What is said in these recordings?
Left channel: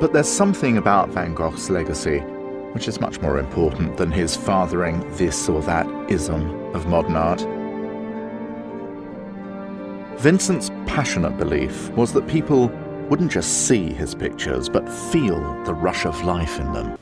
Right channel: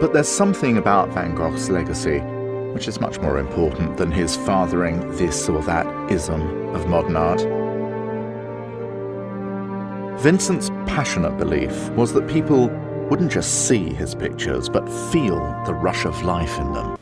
But there's something about Van Gogh's legacy which is much more important than his fathering this or that ism of modern art. Vincent's passionate belief was that people wouldn't just see his pictures, but feel the rush of life in them.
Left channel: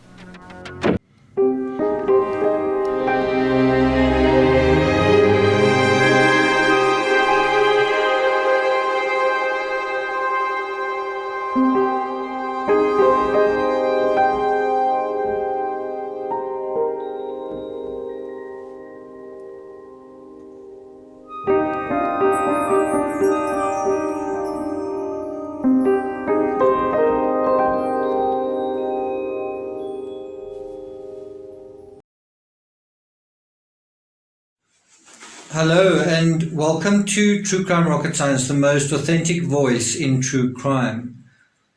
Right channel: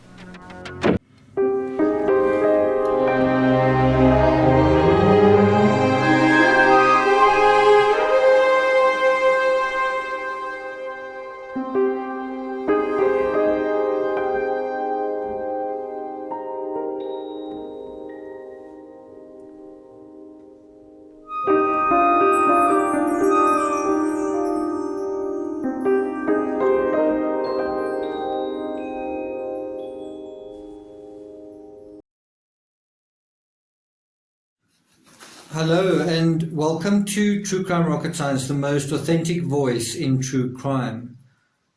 Hello and welcome to True Crime Rocket Science, the most authentic voice in true crime.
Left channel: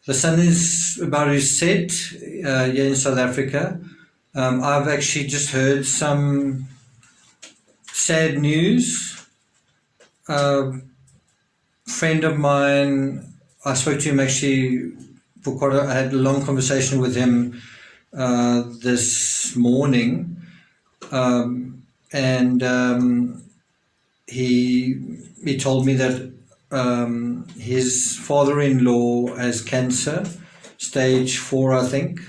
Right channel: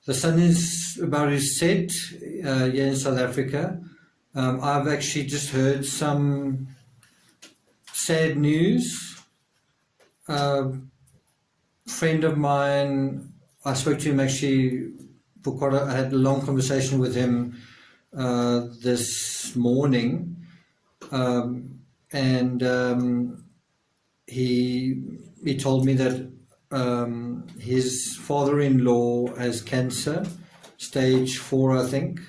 The sun is about to set here in South Africa. I've actually just heard some sad news. A friend of mine, I spoke to him actually I had a long conversation with him this morning, He told me that his father-in-law has cancer, stage 4, I think,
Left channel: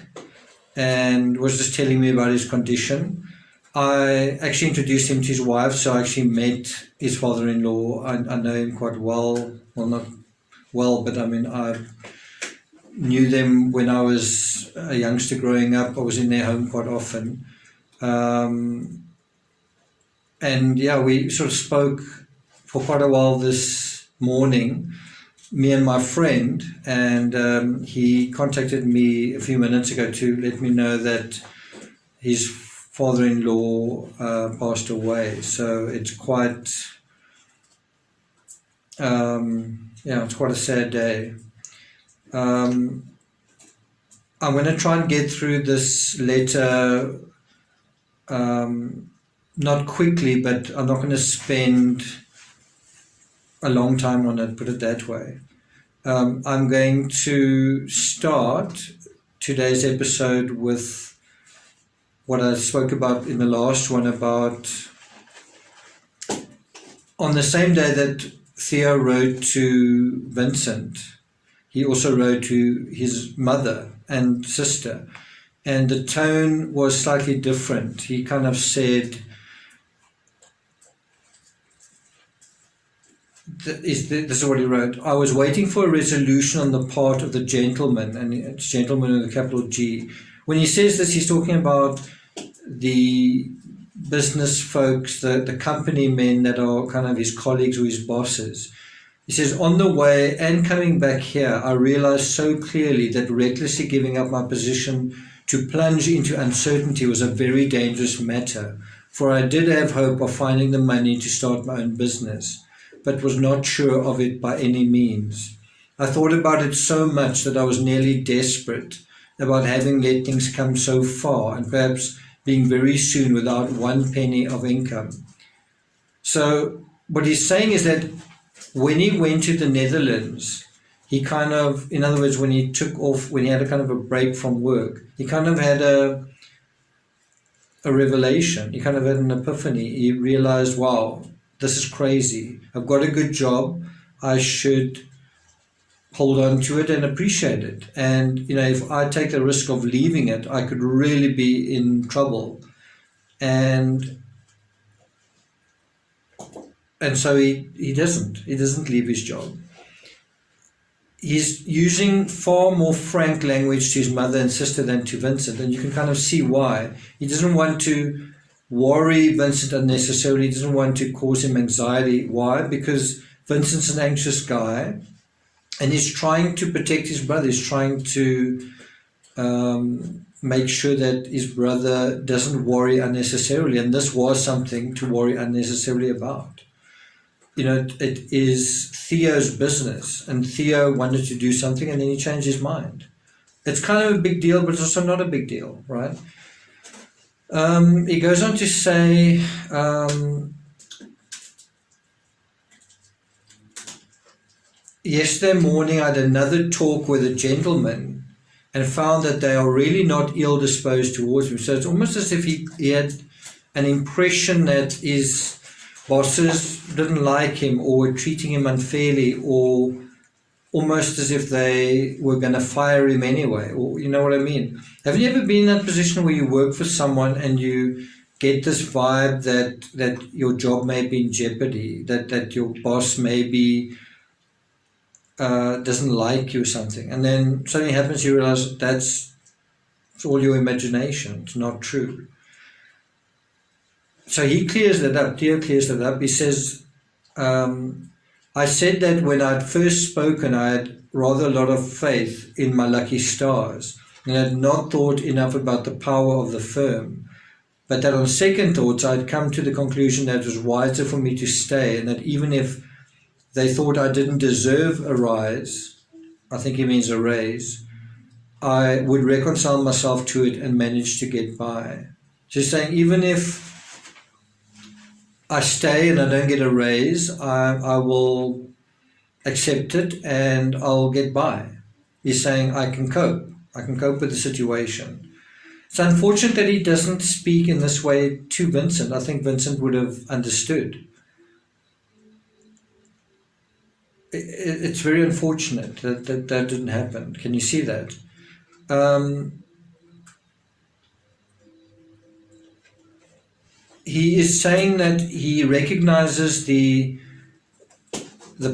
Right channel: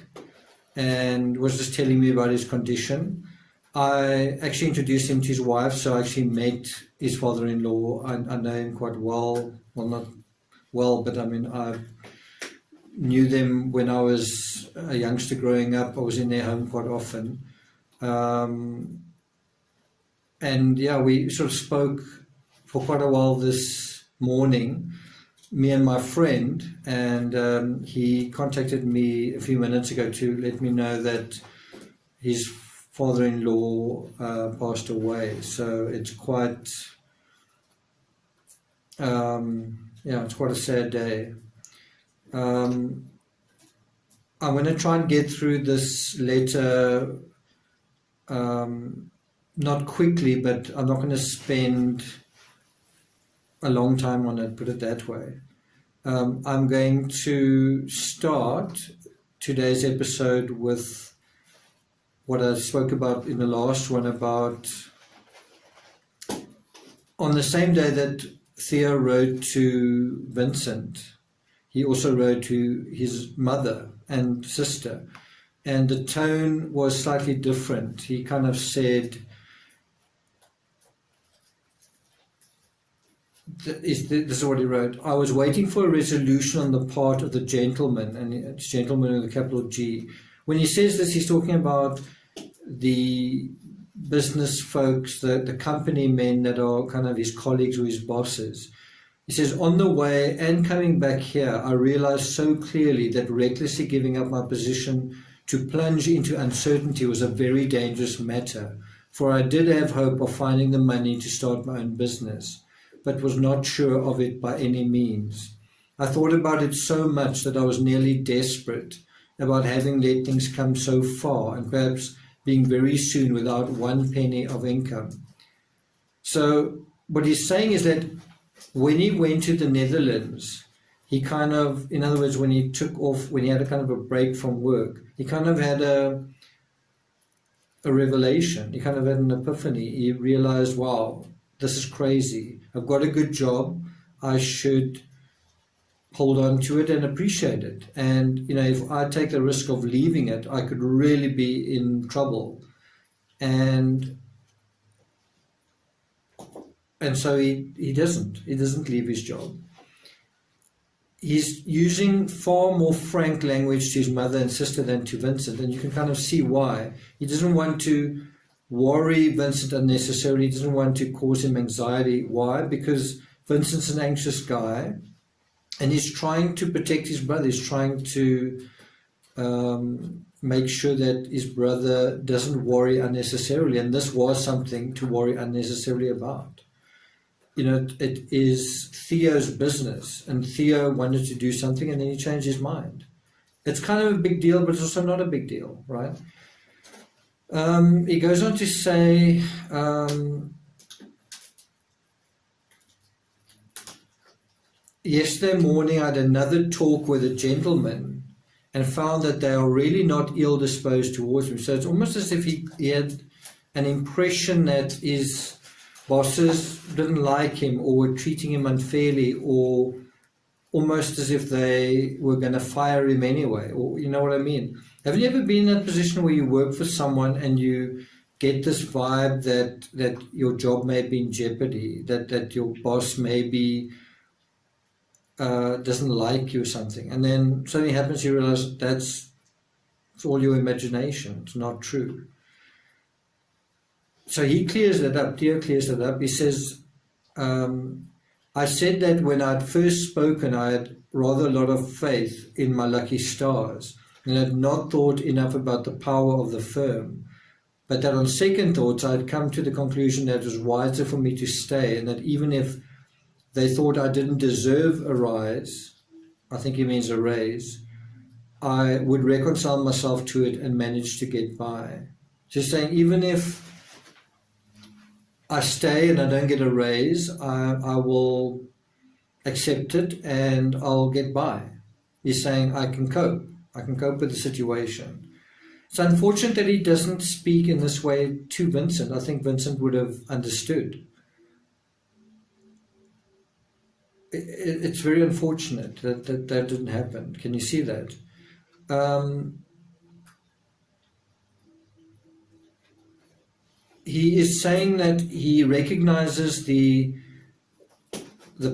and was just telling me about his condition. I actually introduced him to his wife, so I actually met his father-in-law. I know him quite well. Well, not well, but I mean, I knew them when I was a youngster growing up. I was in their home quite often. And yeah, we sort of spoke for quite a while this morning, me and my friend, and he contacted me a few minutes ago to let me know that his father-in-law passed away. So it's quite, it's quite a sad day. I'm going to try and get through this letter not quickly, but I'm not going to spend a long time on it, put it that way. I'm going to start today's episode with what I spoke about in the last one, about on the same day that Theo wrote to Vincent, he also wrote to his mother and sister, and the tone was slightly different. He kind of said, this is what he wrote: I was waiting for a resolution on the part of the gentleman, and it's gentleman with a capital G. When he says this, he's talking about the business folks, the company men that are kind of his colleagues or his bosses. He says, on the way and coming back here, I realized so clearly that recklessly giving up my position to plunge into uncertainty was a very dangerous matter, for I did have hope of finding the money to start my own business, but was not sure of it by any means. I thought about it so much that I was nearly desperate about having let things come so far and perhaps being very soon without 1 penny of income. So what he's saying is that when he went to the Netherlands, he kind of, in other words, when he took off, when he had a kind of a break from work, he kind of had a revelation. He kind of had an epiphany. He realized, wow, this is crazy. I've got a good job. I should hold on to it and appreciate it. And, you know, if I take the risk of leaving it, I could really be in trouble. And so he doesn't leave his job. He's using far more frank language to his mother and sister than to Vincent, and you can kind of see why. He doesn't want to worry Vincent unnecessarily. He doesn't want to cause him anxiety. Why? Because Vincent's an anxious guy, and he's trying to protect his brother. He's trying to make sure that his brother doesn't worry unnecessarily, and this was something to worry unnecessarily about. You know, it is Theo's business, and Theo wanted to do something and then he changed his mind. It's kind of a big deal, but it's also not a big deal, right? He goes on to say, yesterday morning I had another talk with a gentleman and found that they are really not ill-disposed towards him. So it's almost as if he had an impression that his bosses didn't like him or were treating him unfairly, or almost as if they were going to fire him anyway, or you know what I mean? Have you ever been in that position where you work for someone and you get this vibe that your job may be in jeopardy, that your boss maybe doesn't like you or something, and then something happens, you realize it's all your imagination, it's not true. So he clears that up, Theo clears that up. He says, I said that when I'd first spoken, I had rather a lot of faith in my lucky stars and had not thought enough about the power of the firm, but that on second thoughts I'd come to the conclusion that it was wiser for me to stay, and that even if they thought I didn't deserve a rise, I think he means a raise, I would reconcile myself to it and manage to get by. Just saying, even if I stay and I don't get a raise, I will accept it and I'll get by. He's saying I can cope with the situation. It's unfortunate that he doesn't speak in this way to Vincent. I think Vincent would have understood. It's very unfortunate that didn't happen. Can you see that? He is saying that he recognizes the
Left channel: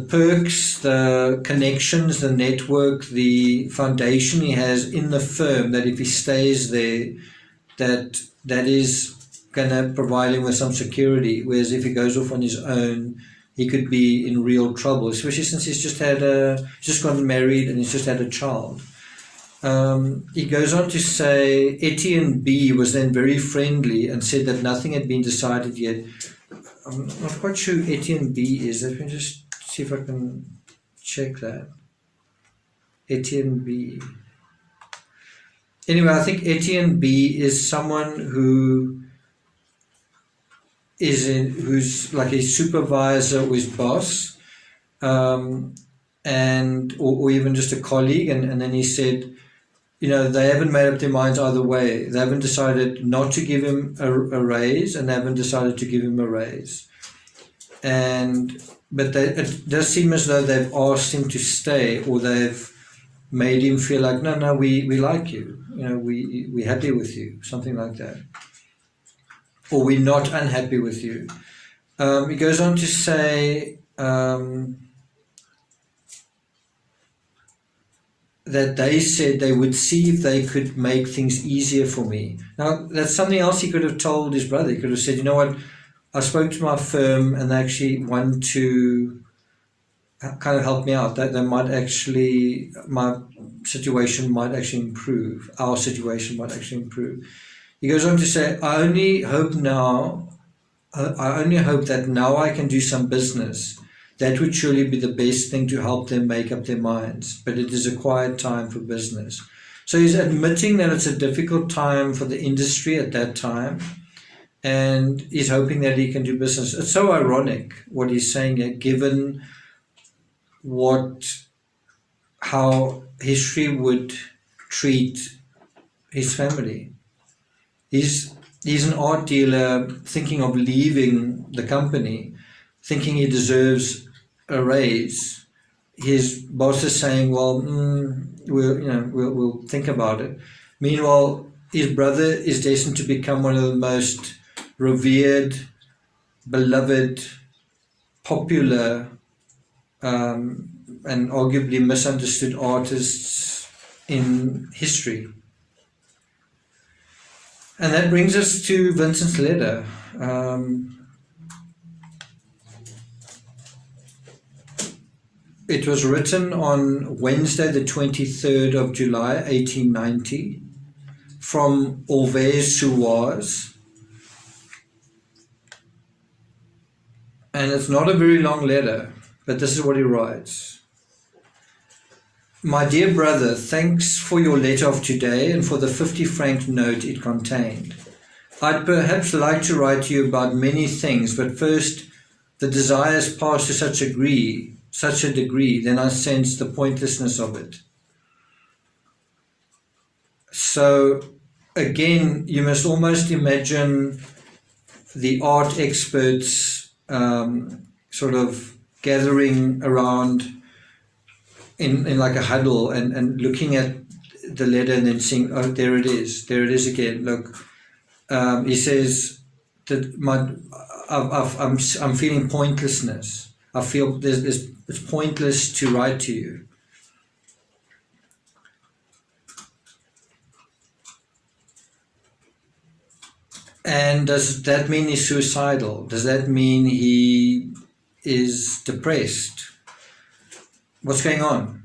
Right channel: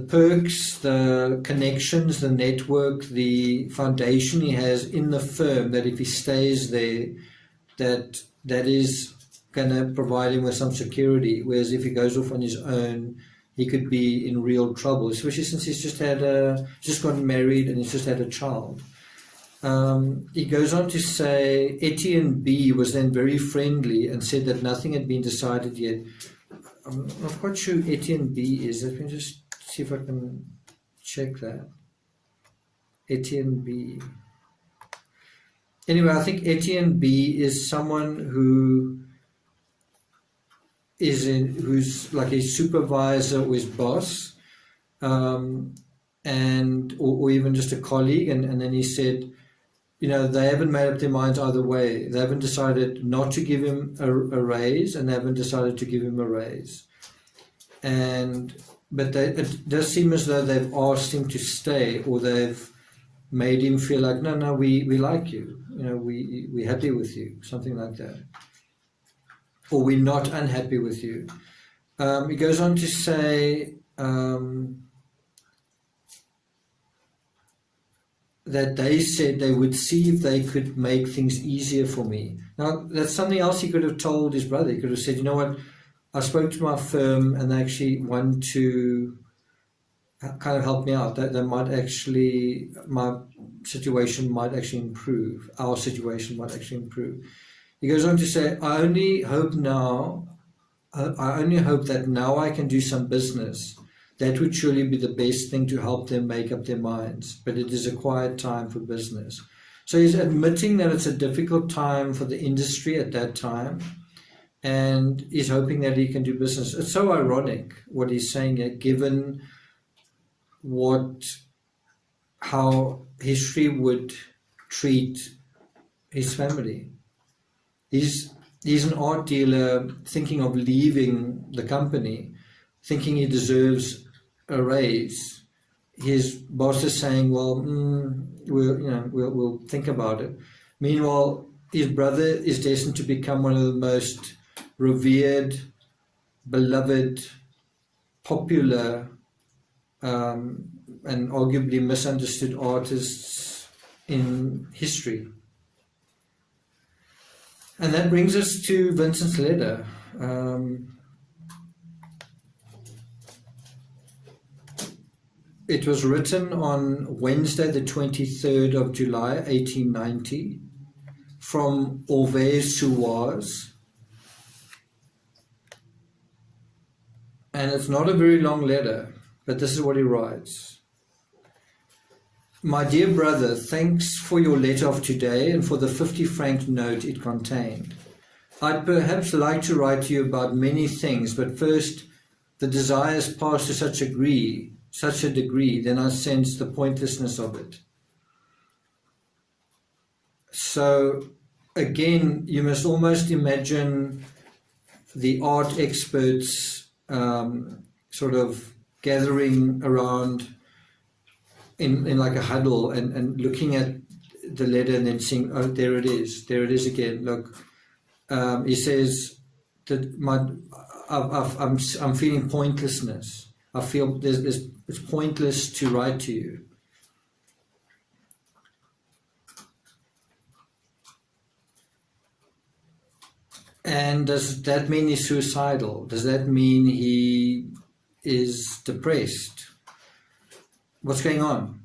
perks, the connections, the network, the foundation he has in the firm, that if he stays there, that is going to provide him with some security, whereas if he goes off on his own, he could be in real trouble, especially since he's just gotten married and he's just had a child. He goes on to say, Etienne B was then very friendly and said that nothing had been decided yet. I'm not quite sure who Etienne B is. Let me just see if I can check that. Etienne B. Anyway, I think Etienne B is someone who's like his supervisor or his boss, and or even just a colleague, and then he said, they haven't made up their minds either way. They haven't decided not to give him a raise, and they haven't decided to give him a raise. But it does seem as though they've asked him to stay, or they've made him feel like, no, we like you. We're happy with you, something like that. Or we're not unhappy with you. He goes on to say that they said they would see if they could make things easier for me. Now, that's something else he could have told his brother. He could have said, you know what, I spoke to my firm and they actually want to kind of help me out. That they might actually, my situation might actually improve. Our situation might actually improve. He goes on to say, I only hope that now I can do some business. That would surely be the best thing to help them make up their minds, but it is a quiet time for business. So he's admitting that it's a difficult time for the industry at that time, and he's hoping that he can do business. It's so ironic what he's saying here, given how history would treat his family. He's an art dealer thinking of leaving the company, thinking he deserves a raise. His boss is saying, well, we'll think about it. Meanwhile, his brother is destined to become one of the most revered, beloved, popular, and arguably misunderstood artists in history. And that brings us to Vincent's letter. It was written on Wednesday, the 23rd of July, 1890, from Auvers-sur-Oise. And it's not a very long letter, but this is what he writes. My dear brother, thanks for your letter of today and for the 50-franc note it contained. I'd perhaps like to write to you about many things, but first, the desire has passed to such a degree, then I sense the pointlessness of it. So again, you must almost imagine the art experts sort of gathering around in like a huddle and looking at the letter and then seeing, oh, there it is again. Look, he says that I'm feeling pointlessness. I feel it's pointless to write to you. And does that mean he's suicidal? Does that mean he is depressed? What's going on?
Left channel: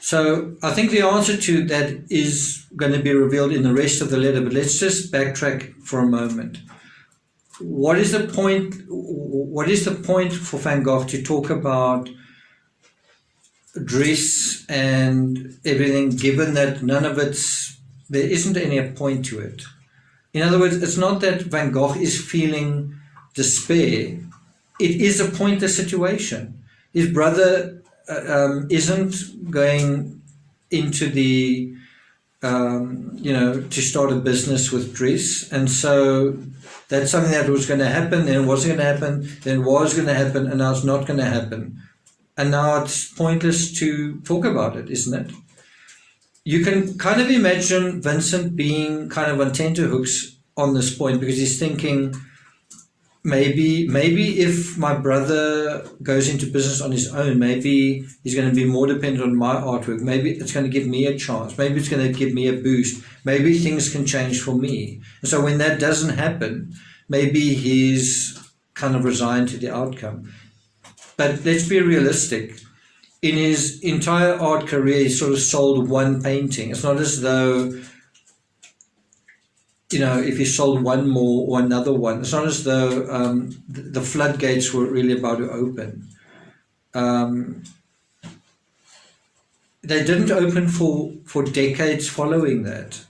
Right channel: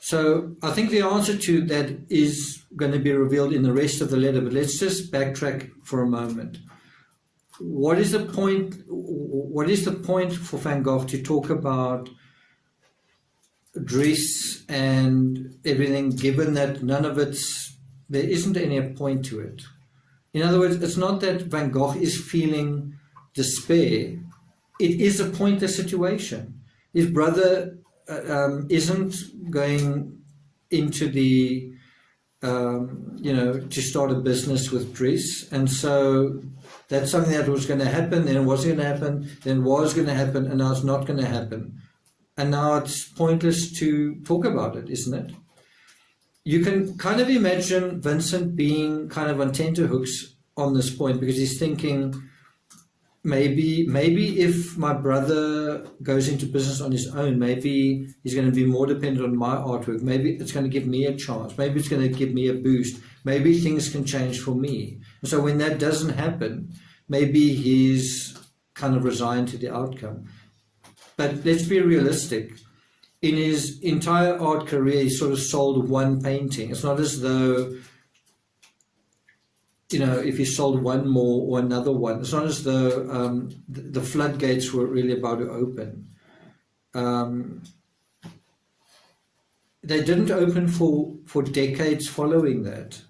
So I think the answer to that is going to be revealed in the rest of the letter, but let's just backtrack for a moment. What is the point? What is the point for Van Gogh to talk about dress and everything, given that there isn't any point to it? In other words, it's not that Van Gogh is feeling despair. It is a pointless situation. His brother isn't going into the, to start a business with dress. And so that's something that was going to happen, then it wasn't going to happen, then it was going to happen, and now it's not going to happen. And now it's pointless to talk about it, isn't it? You can kind of imagine Vincent being kind of on tenterhooks on this point, because he's thinking, maybe if my brother goes into business on his own, maybe he's going to be more dependent on my artwork. Maybe it's going to give me a chance. Maybe it's going to give me a boost. Maybe things can change for me. And so when that doesn't happen, maybe he's kind of resigned to the outcome. But let's be realistic. In his entire art career, he sort of sold one painting. It's not as though, if he sold one more or another one, it's not as though the floodgates were really about to open. They didn't open for decades following that.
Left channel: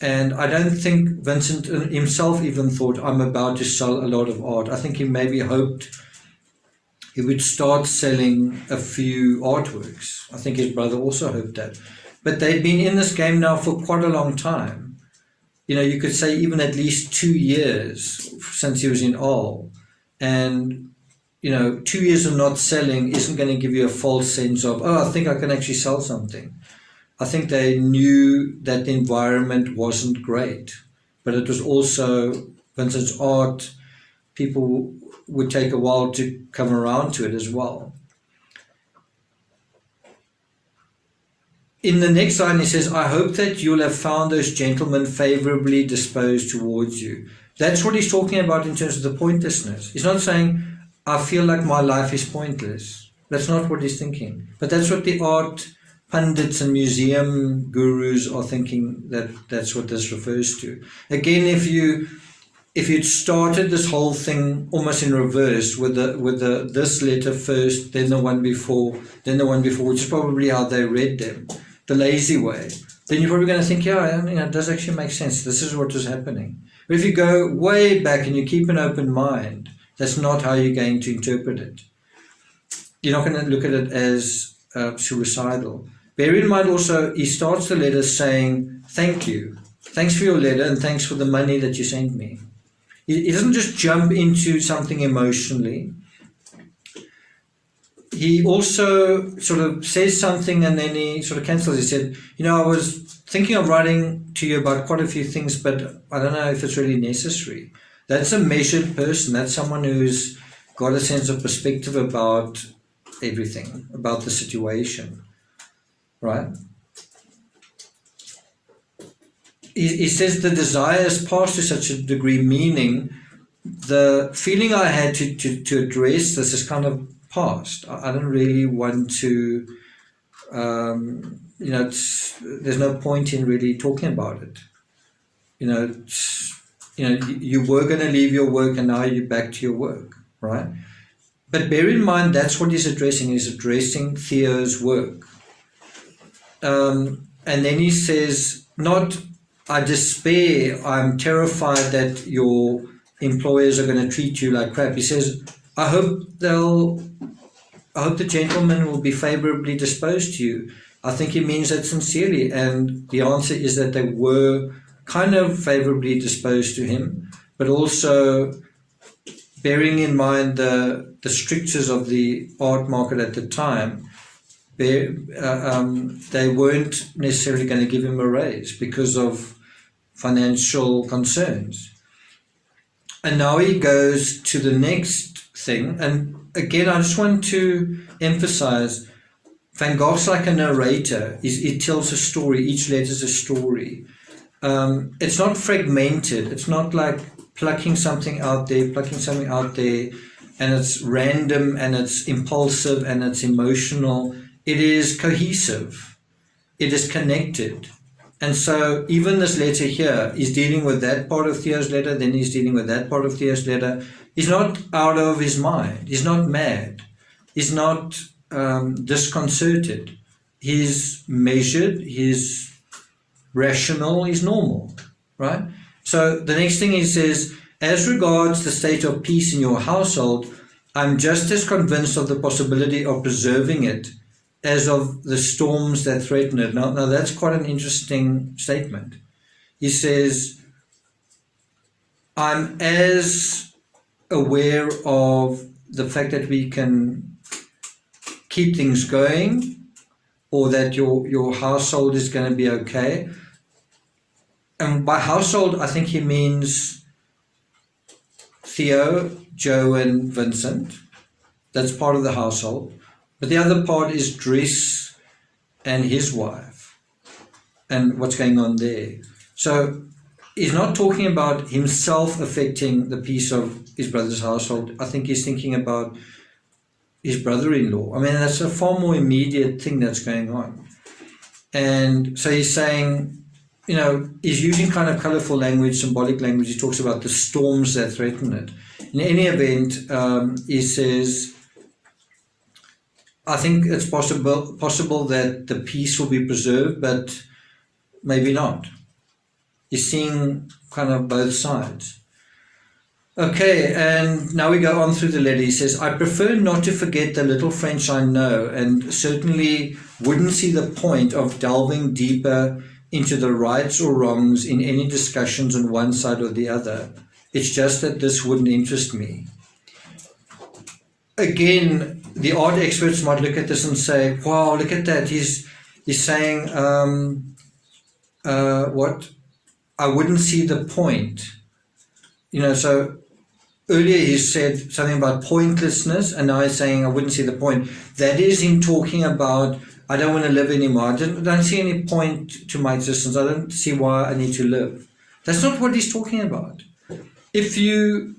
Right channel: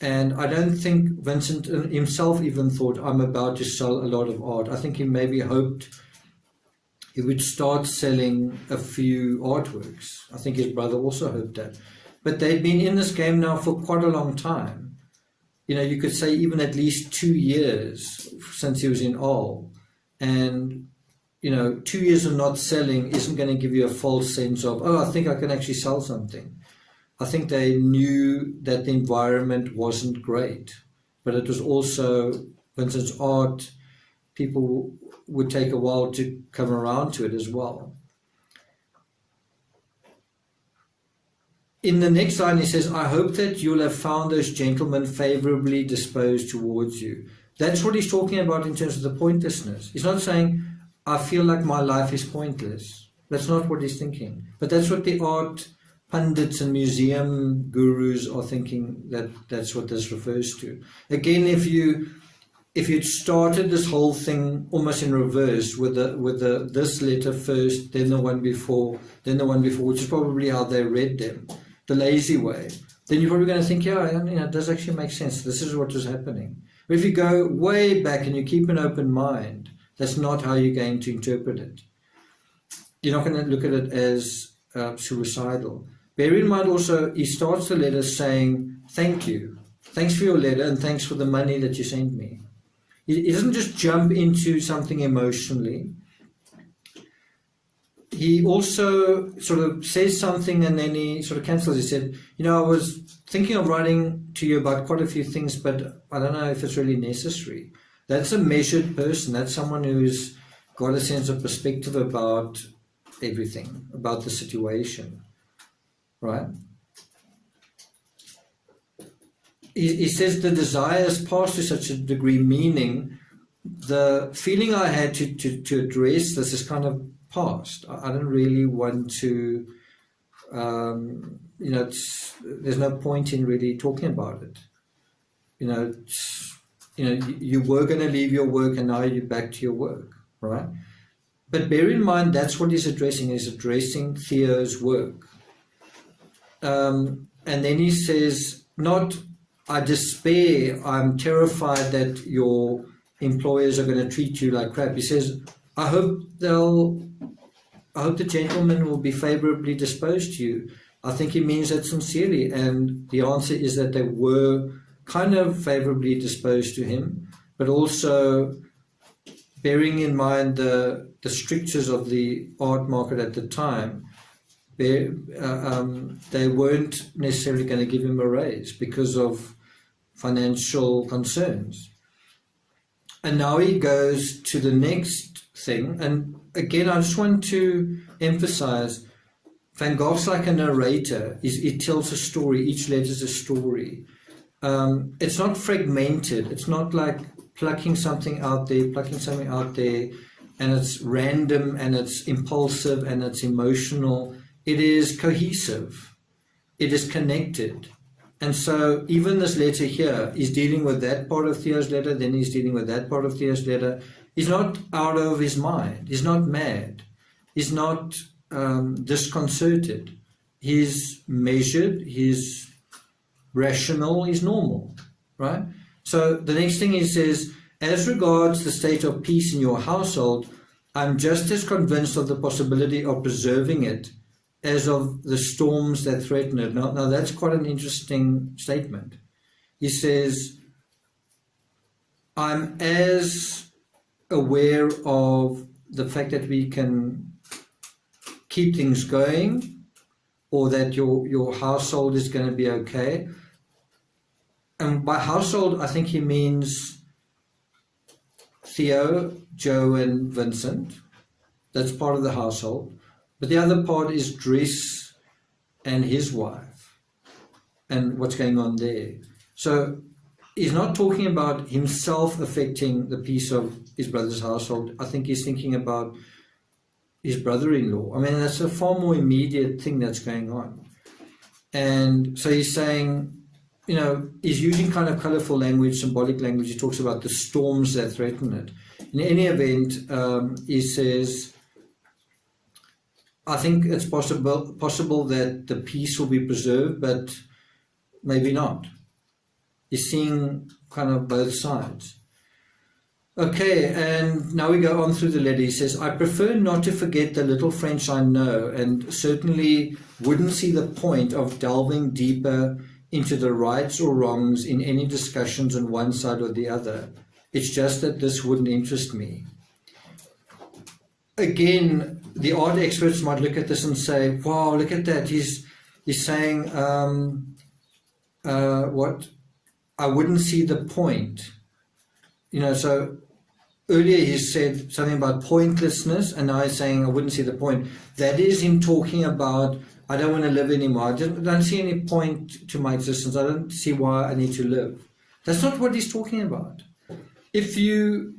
And I don't think Vincent himself even thought, I'm about to sell a lot of art. I think he maybe hoped he would start selling a few artworks. I think his brother also hoped that. But they've been in this game now for quite a long time. You could say even at least 2 years since he was in Arles. And, 2 years of not selling isn't going to give you a false sense of, I think I can actually sell something. I think they knew that the environment wasn't great, but it was also Vincent's art. People would take a while to come around to it as well. In the next line, he says, I hope that you'll have found those gentlemen favorably disposed towards you. That's what he's talking about in terms of the pointlessness. He's not saying, I feel like my life is pointless. That's not what he's thinking. But that's what the art pundits and museum gurus are thinking, that's what this refers to. Again, if you'd started this whole thing almost in reverse with this letter first, then the one before, which is probably how they read them, the lazy way, then you're probably going to think, it does actually make sense. This is what was happening. But if you go way back and you keep an open mind, that's not how you're going to interpret it. You're not going to look at it as suicidal. Bear in mind also, he starts the letter saying, thank you. Thanks for your letter and thanks for the money that you sent me. He doesn't just jump into something emotionally. He also sort of says something and then he sort of cancels. He said, I was thinking of writing to you about quite a few things, but I don't know if it's really necessary. That's a measured person. That's someone who's got a sense of perspective about everything, about the situation, right? He says the desire has passed to such a degree, meaning the feeling I had to address this is kind of past. I don't really want to, there's no point in really talking about it. You were going to leave your work and now you're back to your work, right? But bear in mind, that's what he's addressing. He's addressing Theo's work. And then he says, not, I despair, I'm terrified that your employers are going to treat you like crap. He says, I hope the gentlemen will be favorably disposed to you. I think he means that sincerely, and the answer is that they were kind of favorably disposed to him, but also bearing in mind the strictures of the art market at the time, they weren't necessarily going to give him a raise because of financial concerns. And now he goes to the next thing, and again, I just want to emphasize, Van Gogh's like a narrator. He tells a story. Each letter is a story. It's not fragmented. It's not like plucking something out there, and it's random, and it's impulsive, and it's emotional. It is cohesive. It is connected. And so even this letter here is dealing with that part of Theo's letter, then he's dealing with that part of Theo's letter. He's not out of his mind. He's not mad. He's not disconcerted. He's measured. He's rational. He's normal, right? So the next thing he says, as regards the state of peace in your household, I'm just as convinced of the possibility of preserving it as of the storms that threaten it. Now that's quite an interesting statement. He says, I'm as aware of the fact that we can keep things going, or that your household is going to be okay. And by household, I think he means Theo, Joe, and Vincent. That's part of the household. But the other part is Dries and his wife and what's going on there. So he's not talking about himself affecting the peace of his brother's household. I think he's thinking about his brother-in-law. I mean, that's a far more immediate thing that's going on. And so he's saying, you know, he's using kind of colorful language, symbolic language. He talks about the storms that threaten it. In any event, he says, I think it's possible that the peace will be preserved, but maybe not. He's seeing kind of both sides. Okay, and now we go on through the letter. He says, I prefer not to forget the little French I know, and certainly wouldn't see the point of delving deeper into the rights or wrongs in any discussions on one side or the other. It's just that this wouldn't interest me. Again, the art experts might look at this and say, wow, look at that. He's saying, what? I wouldn't see the point. You know, so earlier he said something about pointlessness, and now he's saying, I wouldn't see the point. That is him talking about, I don't want to live anymore. I don't see any point to my existence. I don't see why I need to live. That's not what he's talking about. If you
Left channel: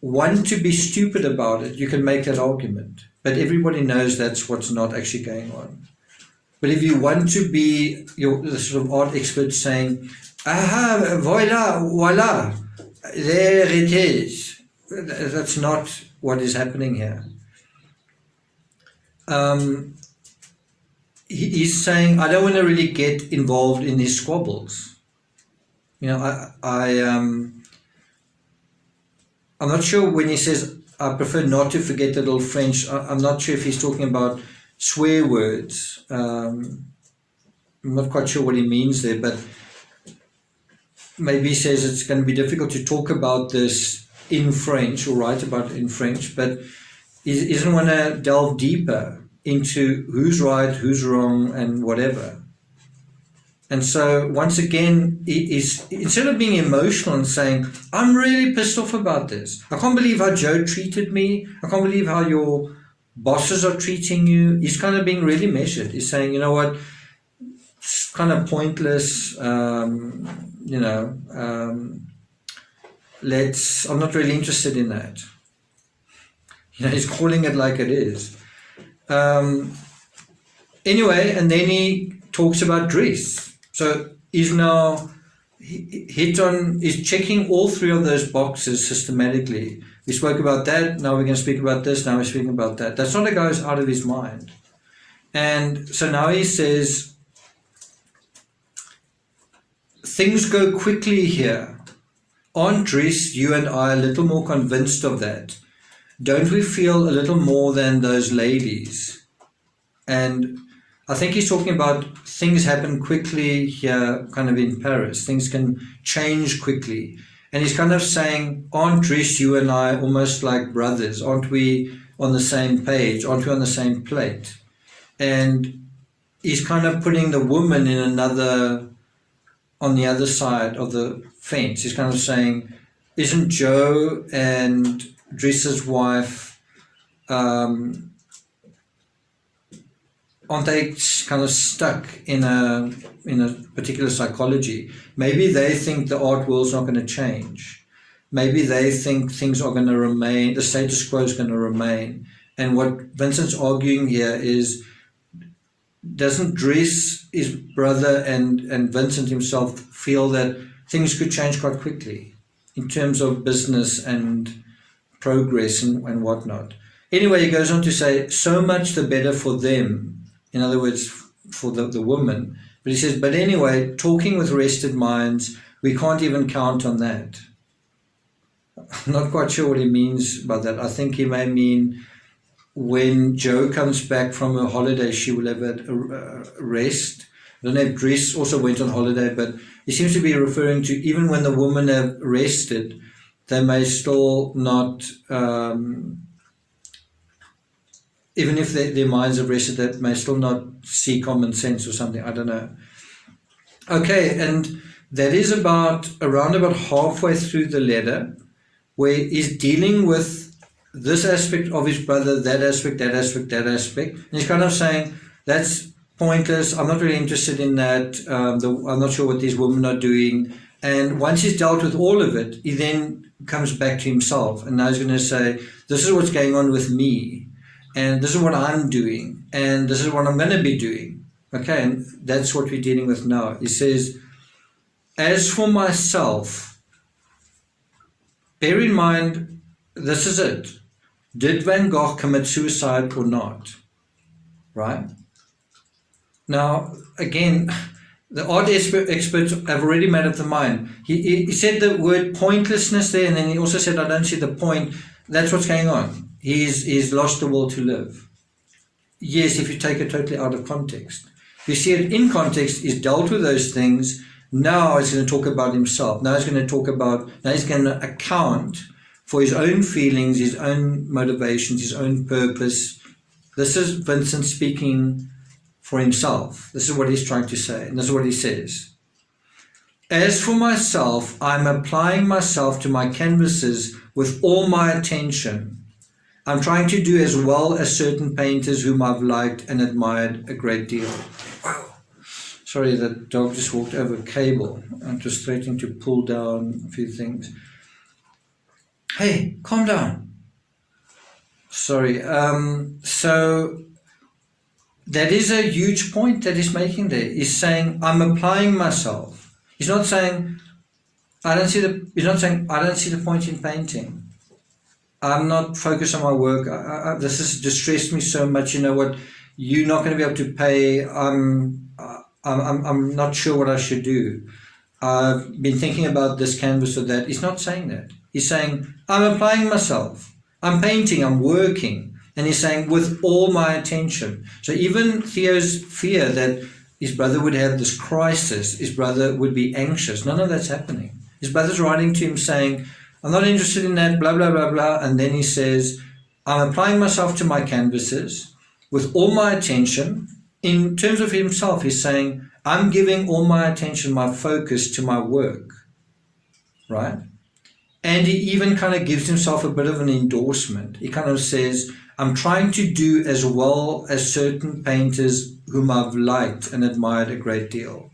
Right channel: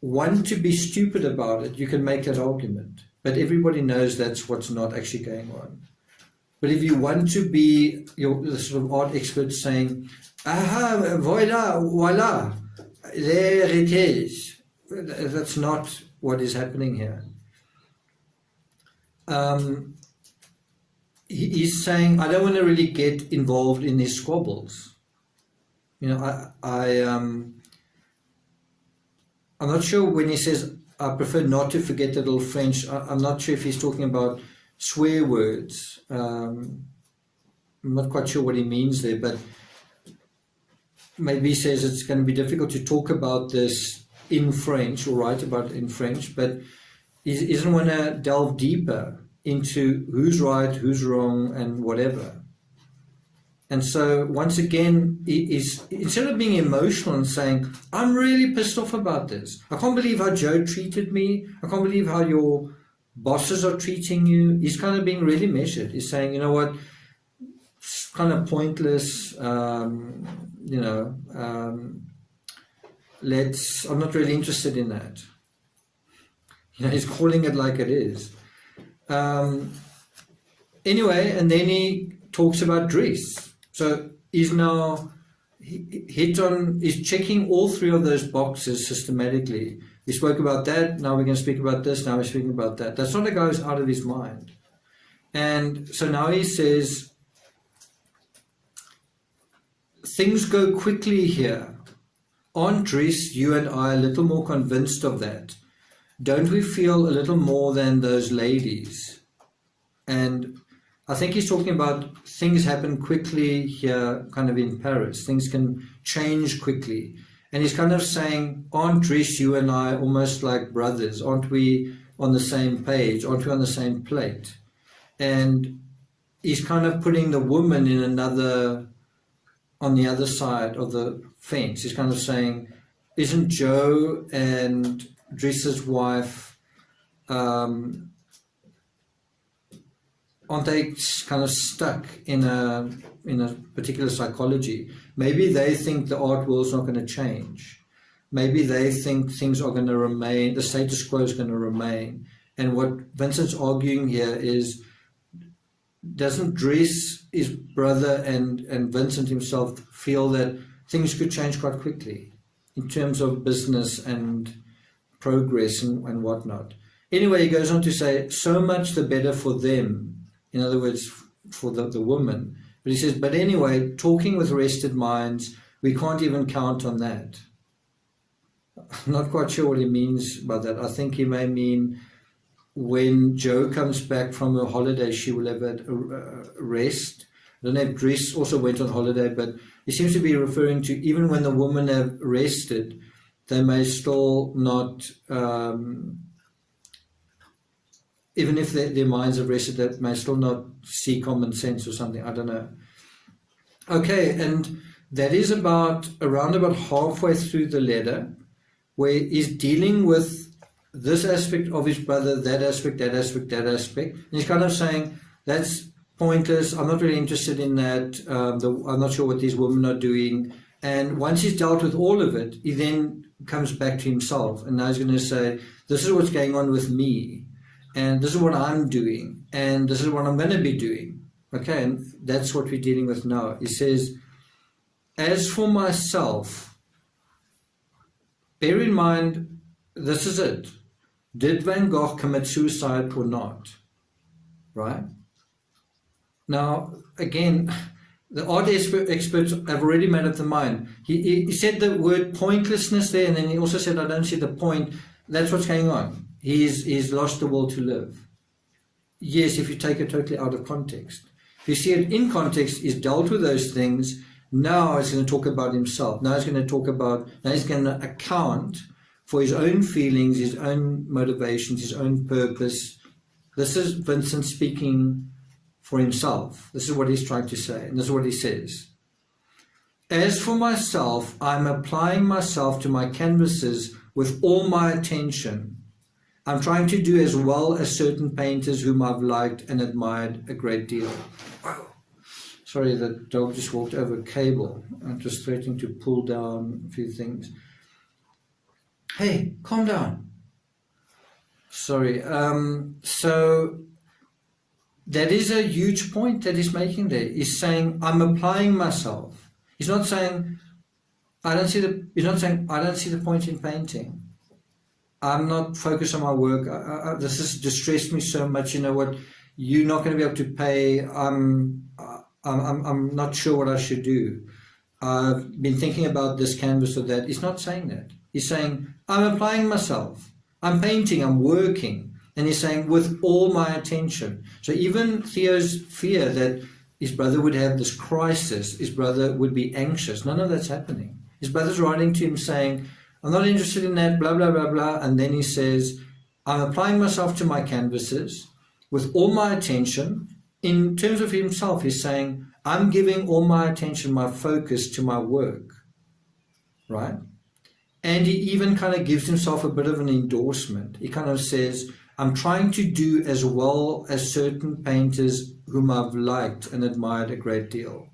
want to be stupid about it, you can make that argument. But everybody knows that's what's not actually going on. But if you want to be the sort of art expert saying, aha, voila, there it is. That's not what is happening here. He's saying, I don't want to really get involved in his squabbles. You know, I'm not sure when he says, I prefer not to forget the little French, I'm not sure if he's talking about swear words. I'm not quite sure what he means there, but maybe he says it's going to be difficult to talk about this in French or write about it in French, but he doesn't want to delve deeper into who's right, who's wrong, and whatever. And so once again, he's, instead of being emotional and saying, I'm really pissed off about this. I can't believe how Joe treated me. I can't believe how your bosses are treating you. He's kind of being really measured. He's saying, you know what, it's kind of pointless. I'm not really interested in that. You know, he's calling it like it is. Anyway, and then he talks about Dries. So he's now he's checking all three of those boxes systematically. We spoke about that, now we're going to speak about this, now we're speaking about that. That's not a guy who's out of his mind. And so now he says, things go quickly here. Aren't Dries, you and I, a little more convinced of that? Don't we feel a little more than those ladies? And I think he's talking about things happen quickly here, kind of in Paris. Things can change quickly. And he's kind of saying, aren't Dries, you and I almost like brothers? Aren't we on the same page? Aren't we on the same plate? And he's kind of putting the woman in on the other side of the fence. He's kind of saying, isn't Joe and Dries's wife, aren't they kind of stuck in a particular psychology? Maybe they think the art world's not going to change. Maybe they think things are going to remain, the status quo is going to remain. And what Vincent's arguing here is, doesn't Dries, his brother, and Vincent himself feel that things could change quite quickly in terms of business and progress and whatnot? Anyway, he goes on to say, so much the better for them. In other words, for the woman. But he says, but anyway, talking with rested minds, we can't even count on that. I'm not quite sure what he means by that. I think he may mean when Joe comes back from her holiday, she will have a rest. I don't know if Dries also went on holiday, but he seems to be referring to even when the women have rested, they may still not... even if their minds have rested, they may still not see common sense or something. I don't know. Okay, and that is around about halfway through the letter, where he's dealing with this aspect of his brother, that aspect, that aspect, that aspect. And he's kind of saying, that's pointless. I'm not really interested in that. I'm not sure what these women are doing. And once he's dealt with all of it, he then comes back to himself. And now he's going to say, this is what's going on with me. And this is what I'm doing, and this is what I'm going to be doing. Okay, and that's what we're dealing with now. He says, as for myself, bear in mind, this is it. Did Van Gogh commit suicide or not? Right? Now, again, the art experts have already made up their mind. He said the word pointlessness there, and then he also said, I don't see the point. That's what's going on. He's lost the will to live. Yes, if you take it totally out of context. If you see it in context, he's dealt with those things. Now he's going to talk about himself. Now he's going to account for his own feelings, his own motivations, his own purpose. This is Vincent speaking for himself. This is what he's trying to say, and this is what he says. As for myself, I'm applying myself to my canvases with all my attention. I'm trying to do as well as certain painters whom I've liked and admired a great deal. Wow. Sorry, that dog just walked over a cable and just threatening to pull down a few things. Hey, calm down. Sorry. So that is a huge point that he's making there. He's saying, I'm applying myself. He's not saying, I don't see the point in painting. I'm not focused on my work. This has distressed me so much. You know what? You're not going to be able to pay. I'm not sure what I should do. I've been thinking about this canvas or that. He's not saying that. He's saying, I'm applying myself. I'm painting. I'm working. And he's saying, with all my attention. So even Theo's fear that his brother would have this crisis, his brother would be anxious, none of that's happening. His brother's writing to him saying, I'm not interested in that, blah, blah, blah, blah. And then he says, I'm applying myself to my canvases with all my attention. In terms of himself, he's saying, I'm giving all my attention, my focus to my work, right? And he even kind of gives himself a bit of an endorsement. He kind of says, I'm trying to do as well as certain painters whom I've liked and admired a great deal.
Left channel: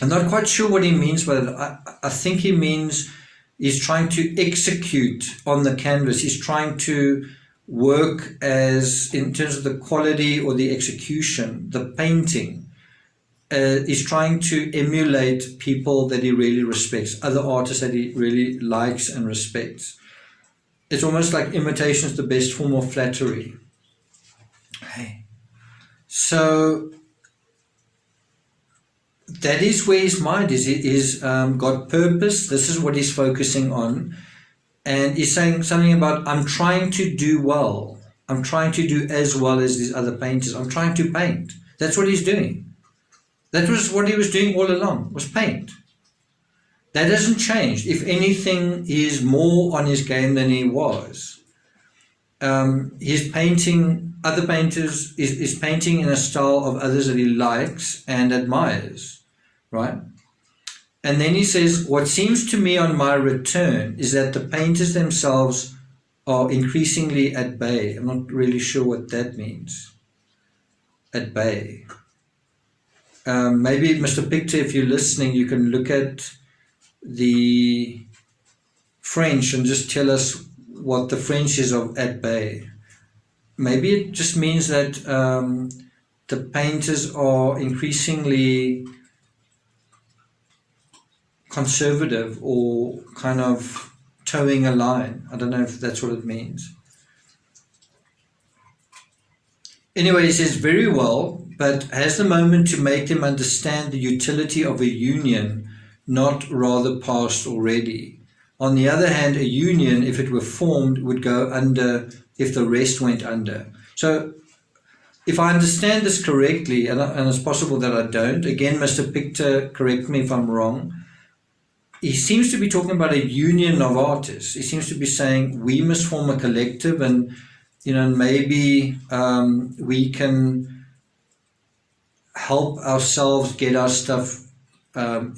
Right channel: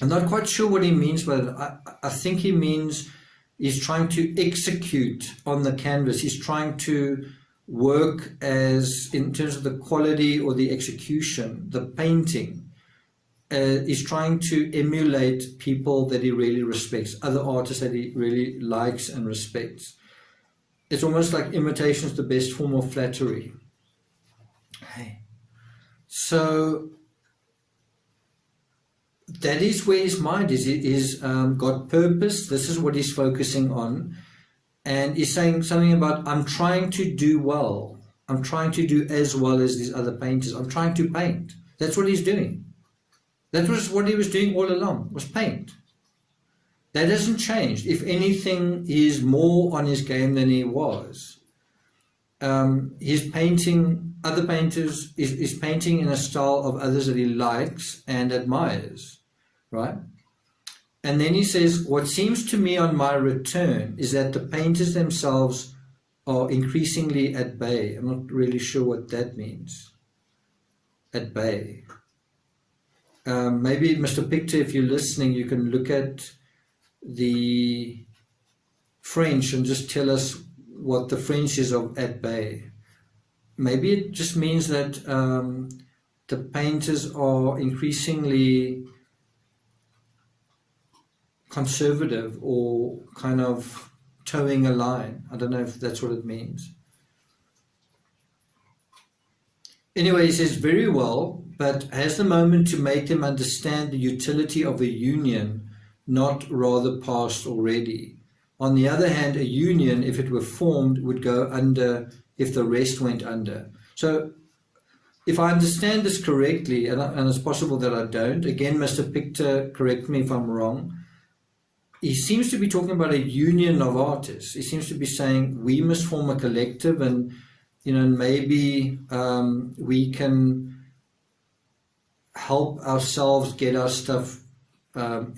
I'm not quite sure what he means by that. I think he means he's trying to execute on the canvas. He's trying to work as, in terms of the quality or the execution, the painting. He's trying to emulate people that he really respects, other artists that he really likes and respects. It's almost like imitation is the best form of flattery. Okay. So that is where his mind is. It is got purpose. This is what he's focusing on. And he's saying something about, I'm trying to do well. I'm trying to do as well as these other painters. I'm trying to paint. That's what he's doing. That was what he was doing all along, was paint. That hasn't changed. If anything, he is more on his game than he was. He's painting other painters, is painting in a style of others that he likes and admires, right? And then he says, what seems to me on my return is that the painters themselves are increasingly at bay. I'm not really sure what that means. At bay. Maybe, Mr. Pictor, if you're listening, you can look at the French and just tell us what the French is of at bay. Maybe it just means that the painters are increasingly conservative or kind of towing a line. I don't know if that's what it means. Anyway, he says, very well, but has the moment to make them understand the utility of a union not rather past already? On the other hand, a union, if it were formed, would go under if the rest went under. So if I understand this correctly, and it's possible that I don't, again, Mr. Pictor, correct me if I'm wrong, he seems to be talking about a union of artists. He seems to be saying we must form a collective, and maybe we can help ourselves get our stuff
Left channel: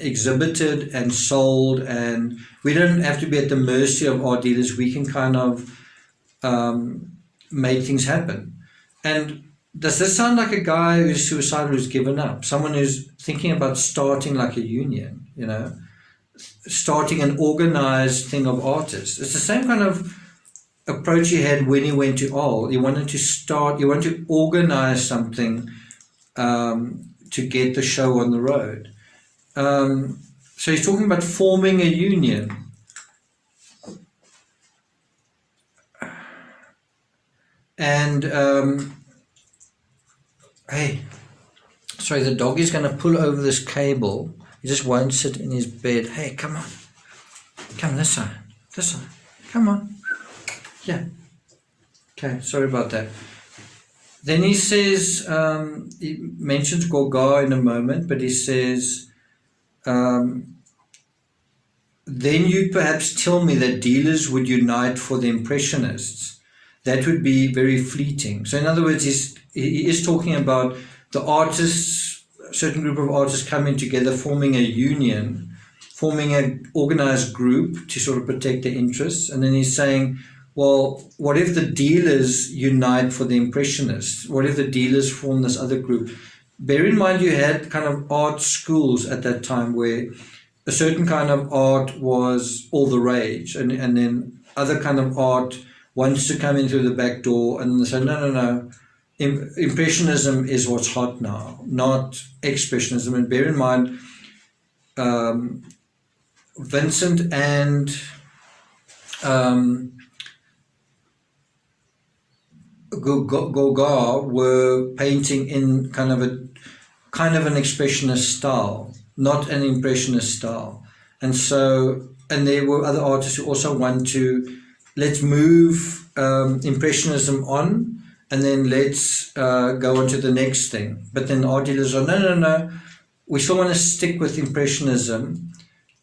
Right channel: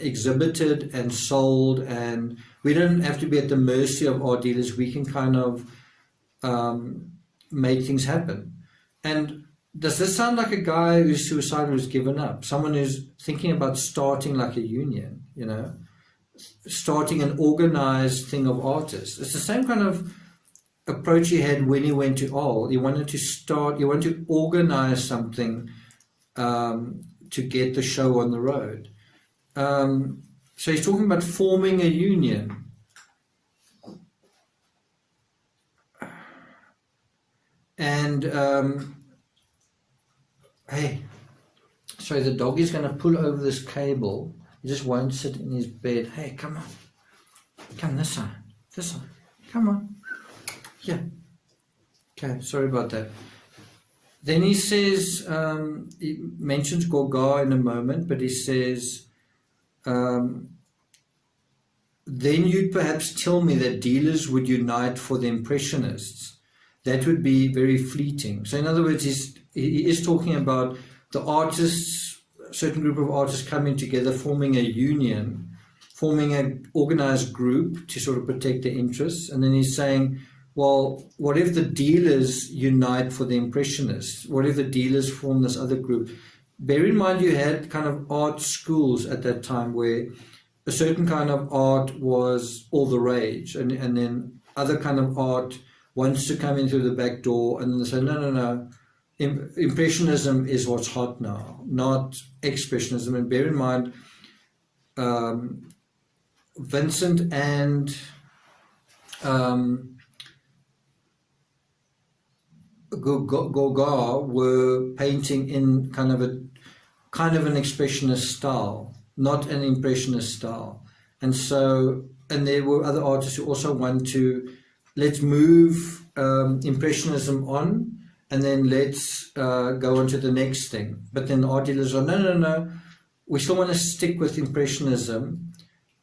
exhibited and sold, and we don't have to be at the mercy of art dealers. We can kind of make things happen. And does this sound like a guy who's suicidal, who's given up? Someone who's thinking about starting like a union, starting an organized thing of artists. It's the same kind of approach he had when he went to Arles. He wanted to organize something to get the show on the road. So he's talking about forming a union. And hey, sorry, the dog is going to pull over this cable. He just won't sit in his bed. Hey, come on. Come this side. This side. Come on. Yeah. Okay, sorry about that. Then he says, he mentions Gauguin in a moment, but he says, then you'd perhaps tell me that dealers would unite for the Impressionists. That would be very fleeting. So in other words, he is talking about the artists, a certain group of artists coming together, forming a union, forming an organized group to sort of protect their interests. And then he's saying, well, what if the dealers unite for the Impressionists? What if the dealers form this other group? Bear in mind, you had kind of art schools at that time where a certain kind of art was all the rage, and then other kind of art wants to come in through the back door, and they say, no. Impressionism is what's hot now, not expressionism. And bear in mind, Vincent and Gauguin were painting in kind of an expressionist style, not an impressionist style. And there were other artists who also want to, let's move impressionism on, and then let's go on to the next thing. But then art dealers are, no, we still want to stick with impressionism,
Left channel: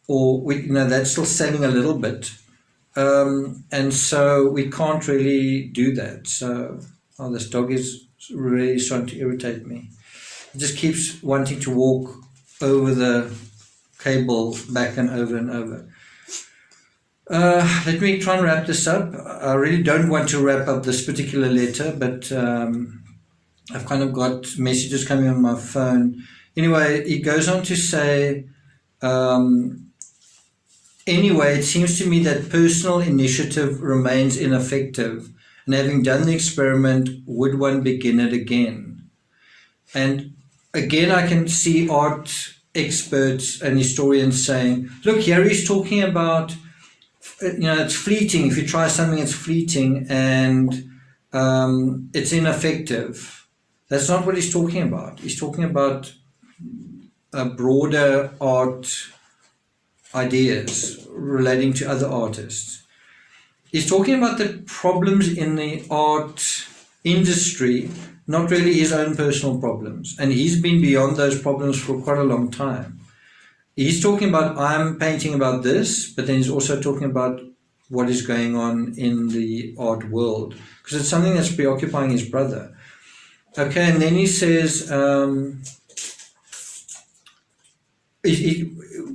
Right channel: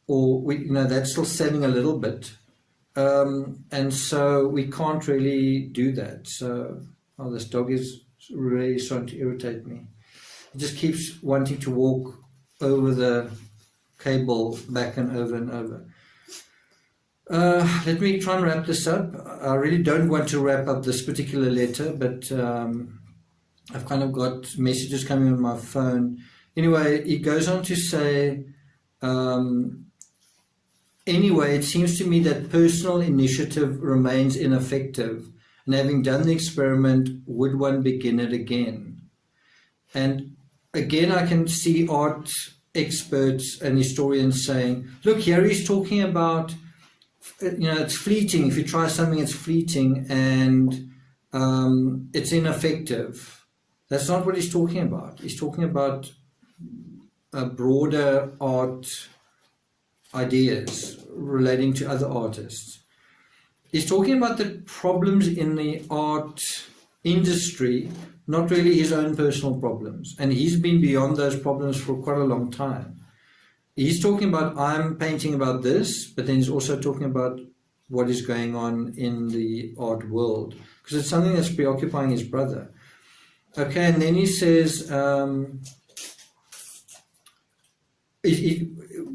or that's still selling a little bit. And so we can't really do that. So, this dog is really starting to irritate me. It just keeps wanting to walk over the cable back and over and over. Let me try and wrap this up. I really don't want to wrap up this particular letter, but I've kind of got messages coming on my phone. Anyway, he goes on to say, anyway, it seems to me that personal initiative remains ineffective, and having done the experiment, would one begin it again? And again, I can see art experts and historians saying, look, here he's talking about, it's fleeting. If you try something, it's fleeting and it's ineffective. That's not what he's talking about. He's talking about broader art ideas relating to other artists. He's talking about the problems in the art industry not really his own personal problems. And he's been beyond those problems for quite a long time. He's talking about, I'm painting about this, but then he's also talking about what is going on in the art world, because it's something that's preoccupying his brother. Okay, and then he says,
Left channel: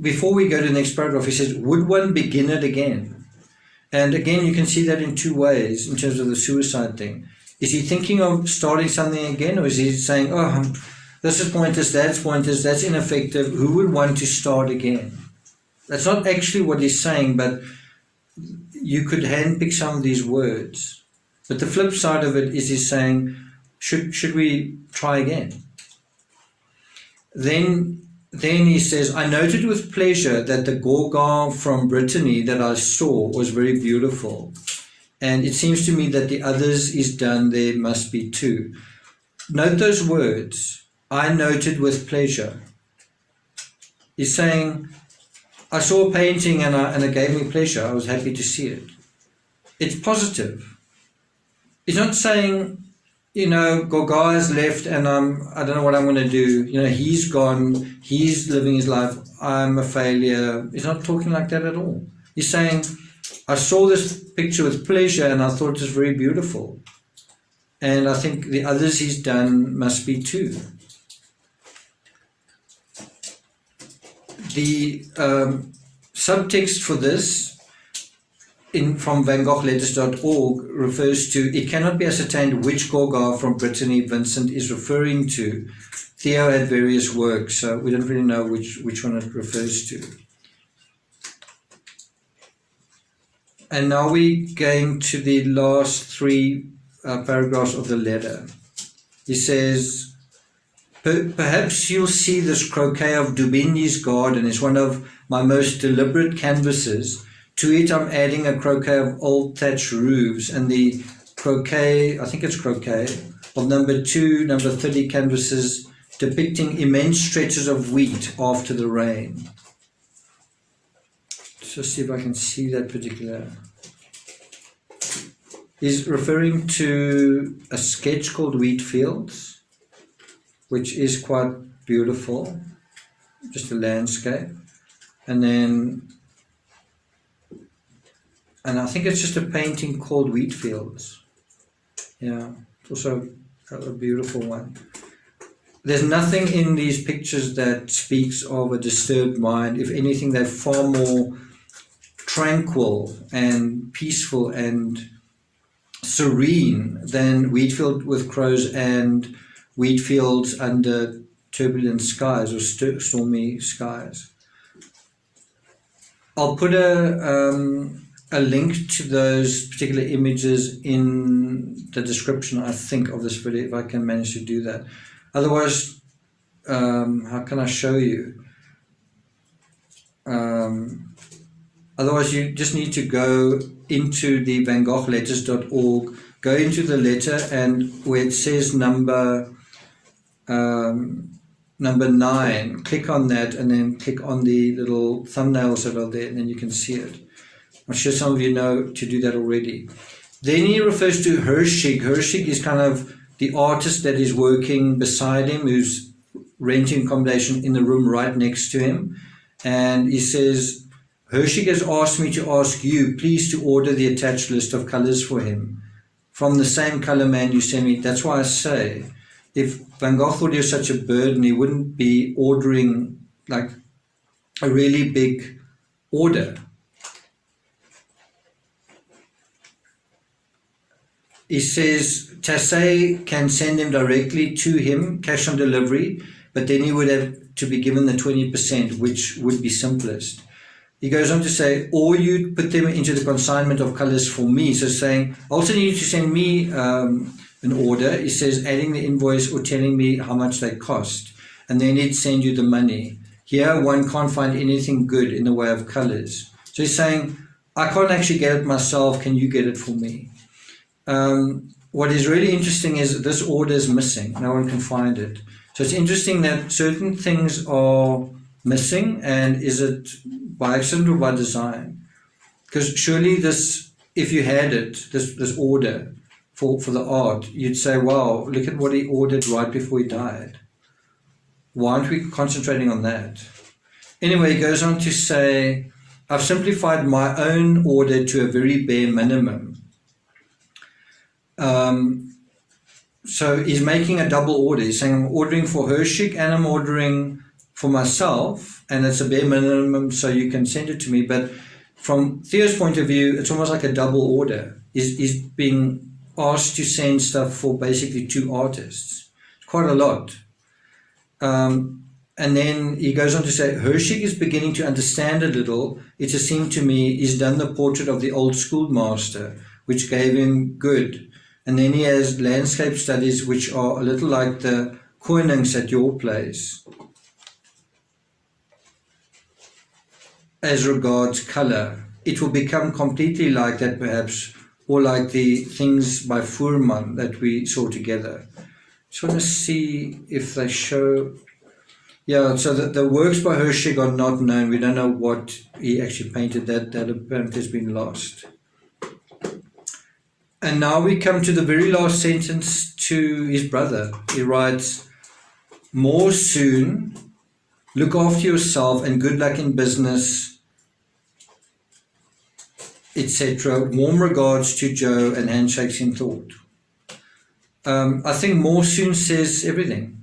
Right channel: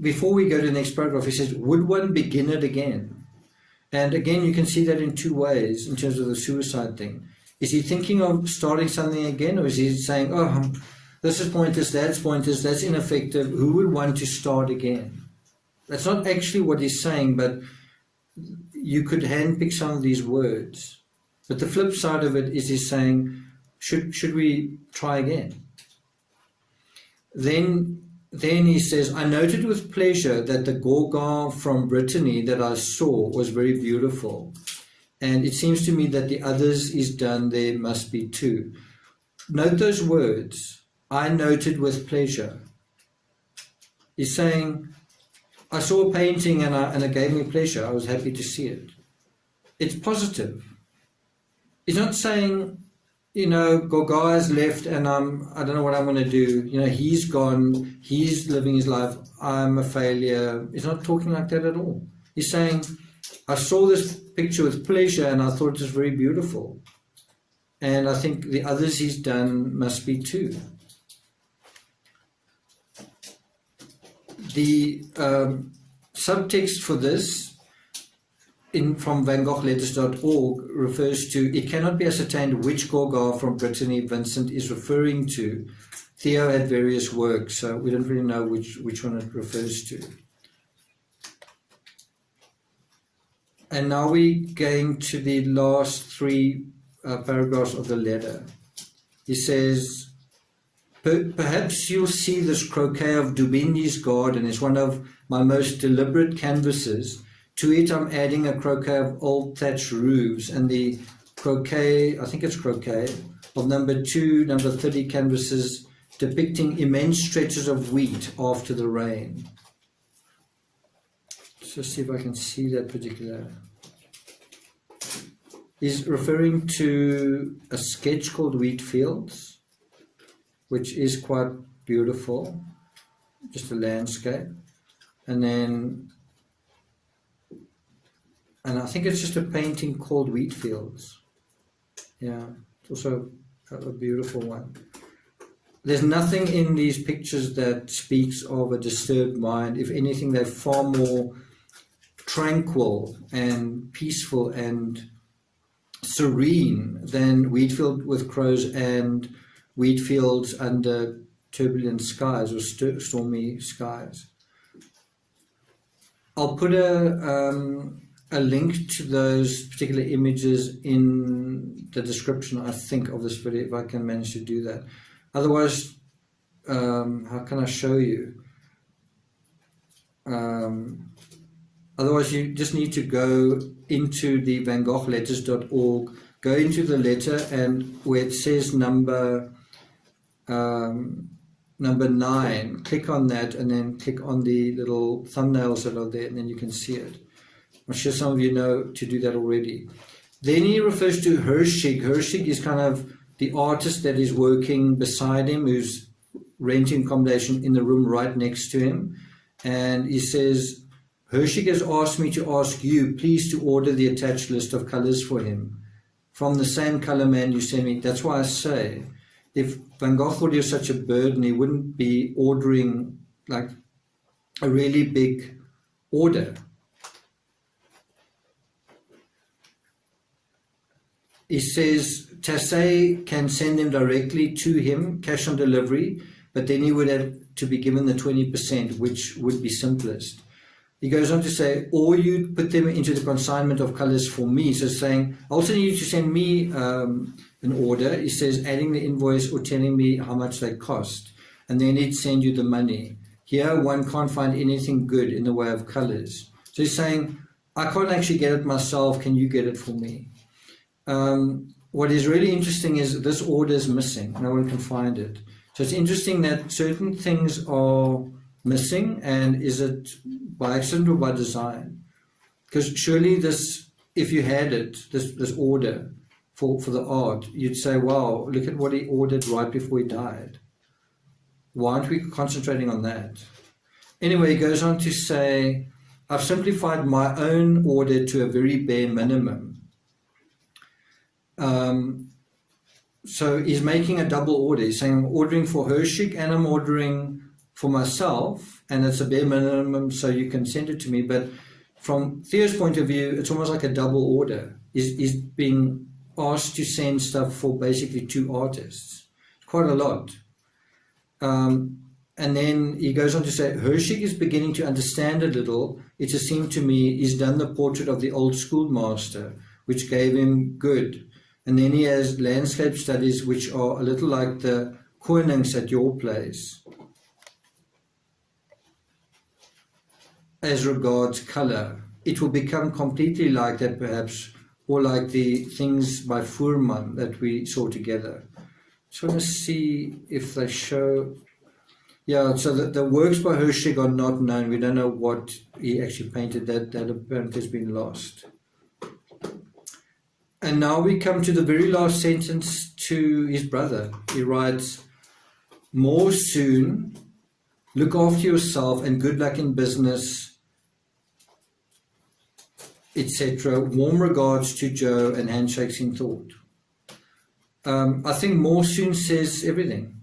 before we go to the next paragraph, he says, would one begin it again? And again, you can see that in two ways in terms of the suicide thing. Is he thinking of starting something again, or is he saying, oh, this is pointless, that's ineffective, who would want to start again? That's not actually what he's saying, but you could handpick some of these words. But the flip side of it is he's saying, should we try again? Then he says, I noted with pleasure that the Gorgon from Brittany that I saw was very beautiful. And it seems to me that the others is done there must be too. Note those words, I noted with pleasure. He's saying, I saw a painting and it gave me pleasure. I was happy to see it. It's positive. He's not saying, Gauguin has left and I don't know what I'm going to do. He's gone, he's living his life, I'm a failure. He's not talking like that at all. He's saying, I saw this picture with pleasure and I thought it was very beautiful. And I think the others he's done must be too. The subtext for this from VanGoghLetters.org refers to, it cannot be ascertained which Gauguin from Brittany Vincent is referring to. Theo had various works, so we don't really know which one it refers to. And now we're going to the last three paragraphs of the letter. He says, perhaps you'll see this croquet of Dubigny's garden is one of my most deliberate canvases. To it I'm adding a croquet of old thatched roofs and the croquet, I think it's croquet, of number 2, number 30 canvases depicting immense stretches of wheat after the rain. Just see if I can see that particular. He's referring to a sketch called Wheat Fields, which is quite beautiful, just a landscape. And I think it's just a painting called Wheat Fields. Yeah, it's also a beautiful one. There's nothing in these pictures that speaks of a disturbed mind. If anything, they're far more tranquil and peaceful and serene than Wheatfield with crows and Wheatfields under turbulent skies or stormy skies. I'll put a link to those particular images in the description, I think, of this video, if I can manage to do that. Otherwise, how can I show you? Otherwise, you just need to go into the VanGoghLetters.org, go into the letter, and where it says number 9, click on that, and then click on the little thumbnails that are there, and then you can see it. I'm sure some of you know to do that already. Then he refers to Hershig. Hershig is kind of the artist that is working beside him, who's renting accommodation in the room right next to him. And he says, Hershig has asked me to ask you, please, to order the attached list of colors for him from the same color man you sent me. That's why I say, if Van Gogh thought he was such a burden, he wouldn't be ordering like a really big order. He says Tassay can send them directly to him, cash on delivery, but then he would have to be given the 20%, which would be simplest. He goes on to say, or you put them into the consignment of colors for me. So saying, I also need you to send me an order. He says, adding the invoice or telling me how much they cost. And then he'd send you the money. Here, one can't find anything good in the way of colors. So he's saying, I can't actually get it myself. Can you get it for me? What is really interesting is this order is missing. No one can find it. So it's interesting that certain things are missing, and is it by accident or by design? Because surely this, if you had it, this order for the art, you'd say, wow, look at what he ordered right before he died. Why aren't we concentrating on that? Anyway, he goes on to say, I've simplified my own order to a very bare minimum. So he's making a double order. He's saying, I'm ordering for Hershik and I'm ordering for myself, and it's a bare minimum, so you can send it to me. But from Theo's point of view, it's almost like a double order. He's being asked to send stuff for basically two artists. Quite a lot. And then he goes on to say, Hershik is beginning to understand a little. It has seemed to me he's done the portrait of the old schoolmaster, which gave him good. And then he has landscape studies, which are a little like the Konings at your place, as regards colour. It will become completely like that, perhaps, or like the things by Fuhrmann that we saw together. Just want to see if they show. Yeah, so the works by Hershik are not known. We don't know what he actually painted. That apparently has been lost. And now we come to the very last sentence to his brother. He writes, more soon, look after yourself and good luck in business, etc. Warm regards to Joe and handshakes in thought. I think more soon says everything.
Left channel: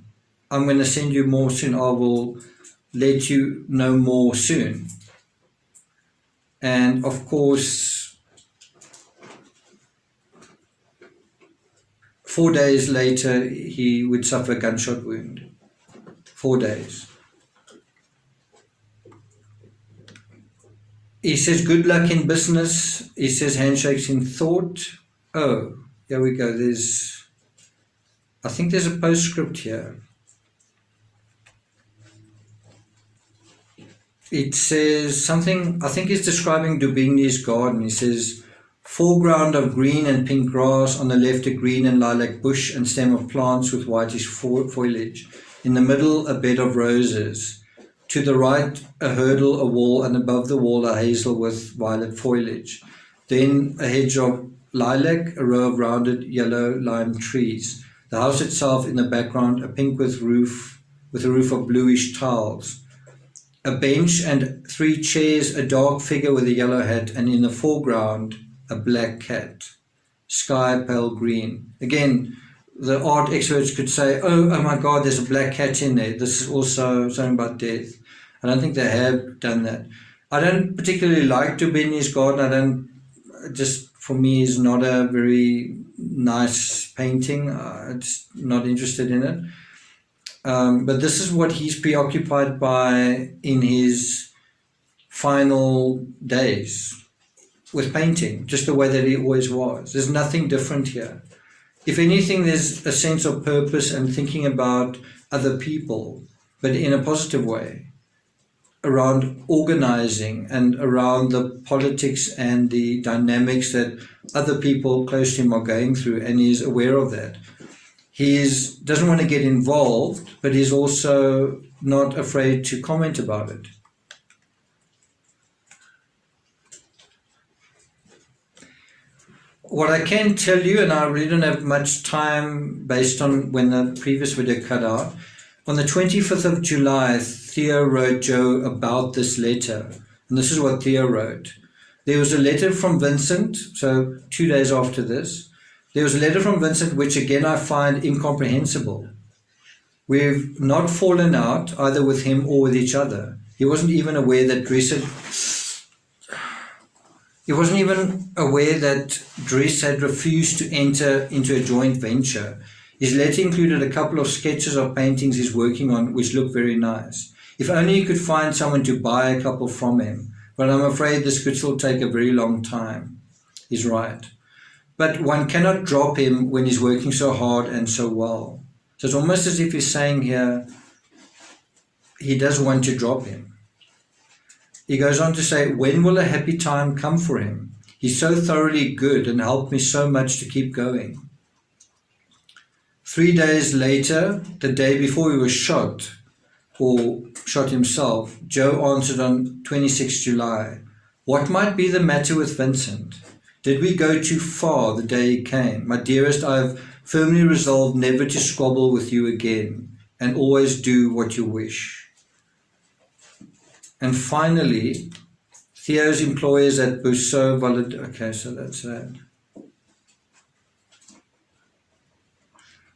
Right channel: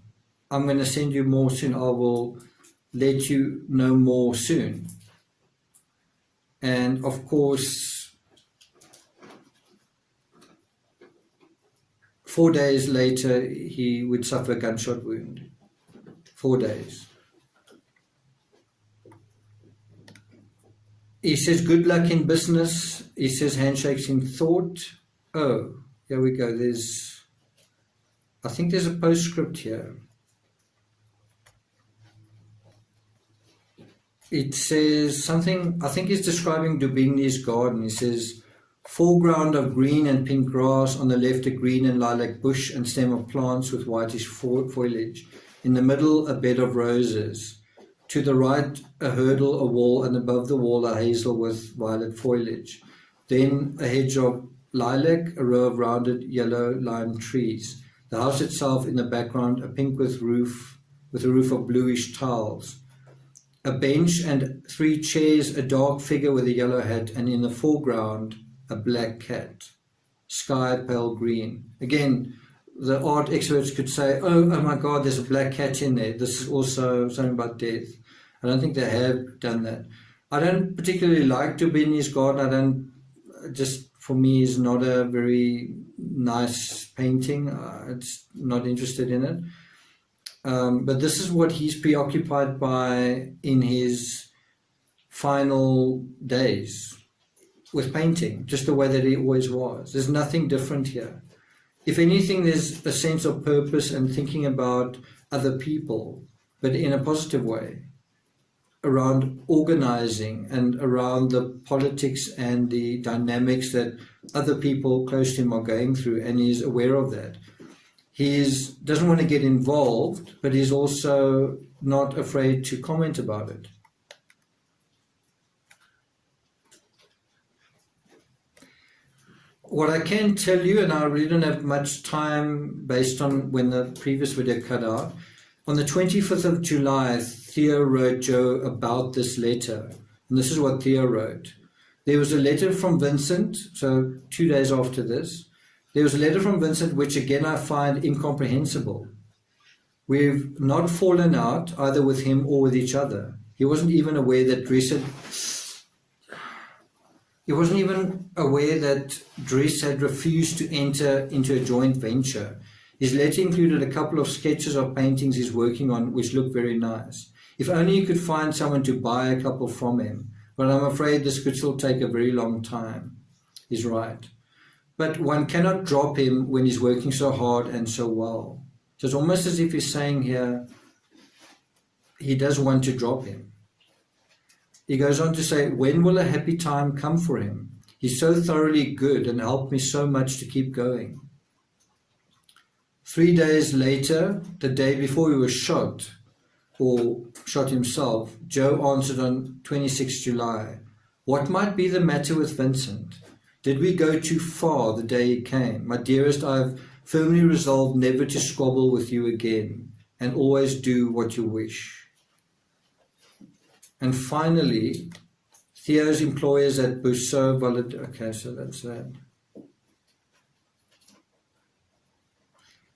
I'm going to send you more soon. I will let you know more soon. And of course, 4 days later, he would suffer a gunshot wound. 4 days. He says, good luck in business. He says, handshakes in thought. Oh, here we go. I think there's a postscript here. It says something, I think he's describing Dubigny's garden. He says, foreground of green and pink grass, on the left a green and lilac bush and stem of plants with whitish foliage. In the middle, a bed of roses. To the right, a hurdle, a wall, and above the wall, a hazel with violet foliage. Then a hedge of lilac, a row of rounded yellow lime trees. The house itself in the background, a pink with a roof of bluish tiles. A bench and 3 chairs, a dark figure with a yellow hat, and in the foreground, a black cat. Sky pale green. Again, the art experts could say, oh my God, there's a black cat in there. This is also something about death. I don't think they have done that. I don't particularly like Dubigny's garden. For me, is not a very nice painting. It's not interested in it. But this is what he's preoccupied by in his final days with painting, just the way that he always was. There's nothing different here. If anything, there's a sense of purpose and thinking about other people, but in a positive way, around organizing and around the politics and the dynamics that other people close to him are going through, and he's aware of that. He doesn't want to get involved, but he's also not afraid to comment about it. What I can tell you, and I really don't have much time based on when the previous video cut out, on the 25th of July, Theo wrote Joe about this letter. And this is what Theo wrote. There was a letter from Vincent, so 2 days after this. There was a letter from Vincent which again I find incomprehensible. We've not fallen out either with him or with each other. He wasn't even aware that Dries had refused to enter into a joint venture. His letter included a couple of sketches of paintings he's working on which look very nice. If only he could find someone to buy a couple from him. But I'm afraid this could still take a very long time. He's right. But one cannot drop him when he's working so hard and so well. So it's almost as if he's saying here, he does want to drop him. He goes on to say, when will a happy time come for him? He's so thoroughly good and helped me so much to keep going. 3 days later, the day before he was shot, or shot himself, Joe answered on 26 July, what might be the matter with Vincent? Did we go too far the day he came? My dearest, I have firmly resolved never to squabble with you again, and always do what you wish. And finally, Theo's employers at Bousseau okay, so that's that.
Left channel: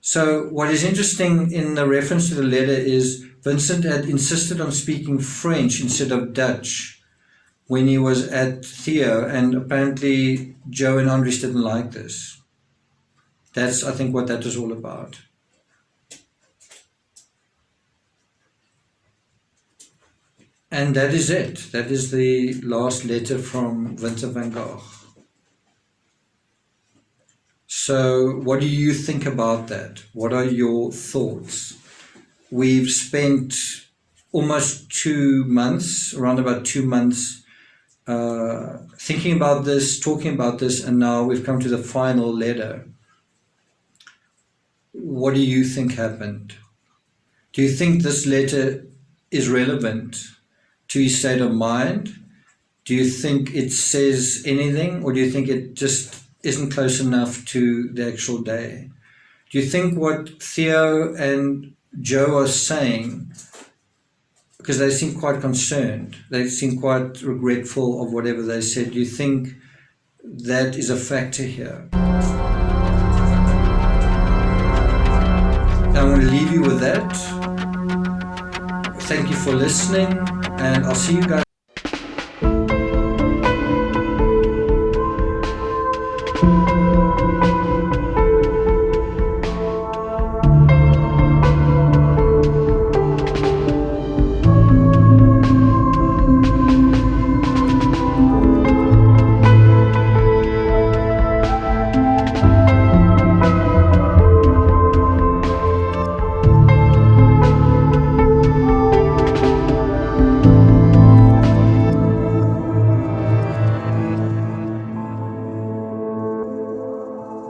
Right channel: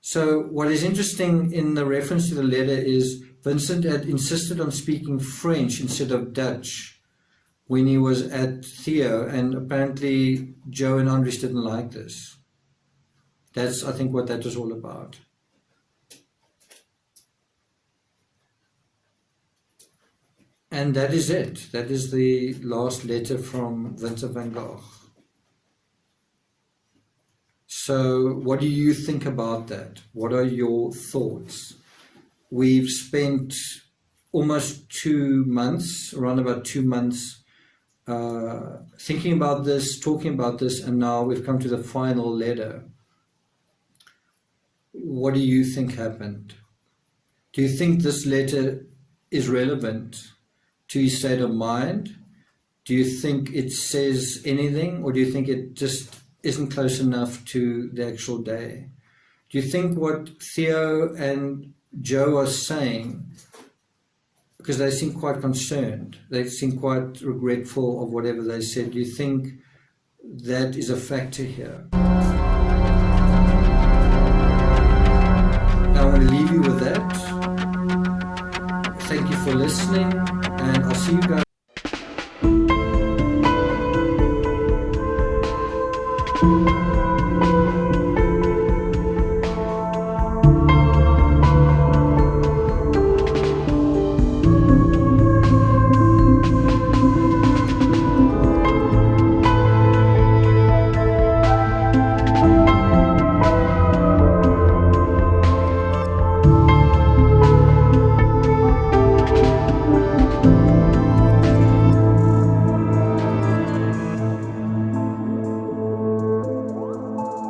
So what is interesting in the reference to the letter is Vincent had insisted on speaking French instead of Dutch when he was at Theo, and apparently Joe and Andres didn't like this. That's, I think, what that was all about. And that is it. That is the last letter from Vincent van Gogh. So what do you think about that? What are your thoughts? We've spent almost 2 months, around about 2 months, thinking about this, talking about this, and now we've come to the final letter. What do you think happened? Do you think this letter is relevant to his state of mind? Do you think it says anything, or do you think it just isn't close enough to the actual day? Do you think what Theo and Joe are saying, because they seem quite concerned, they seem quite regretful of whatever they said, do you think that is a factor here?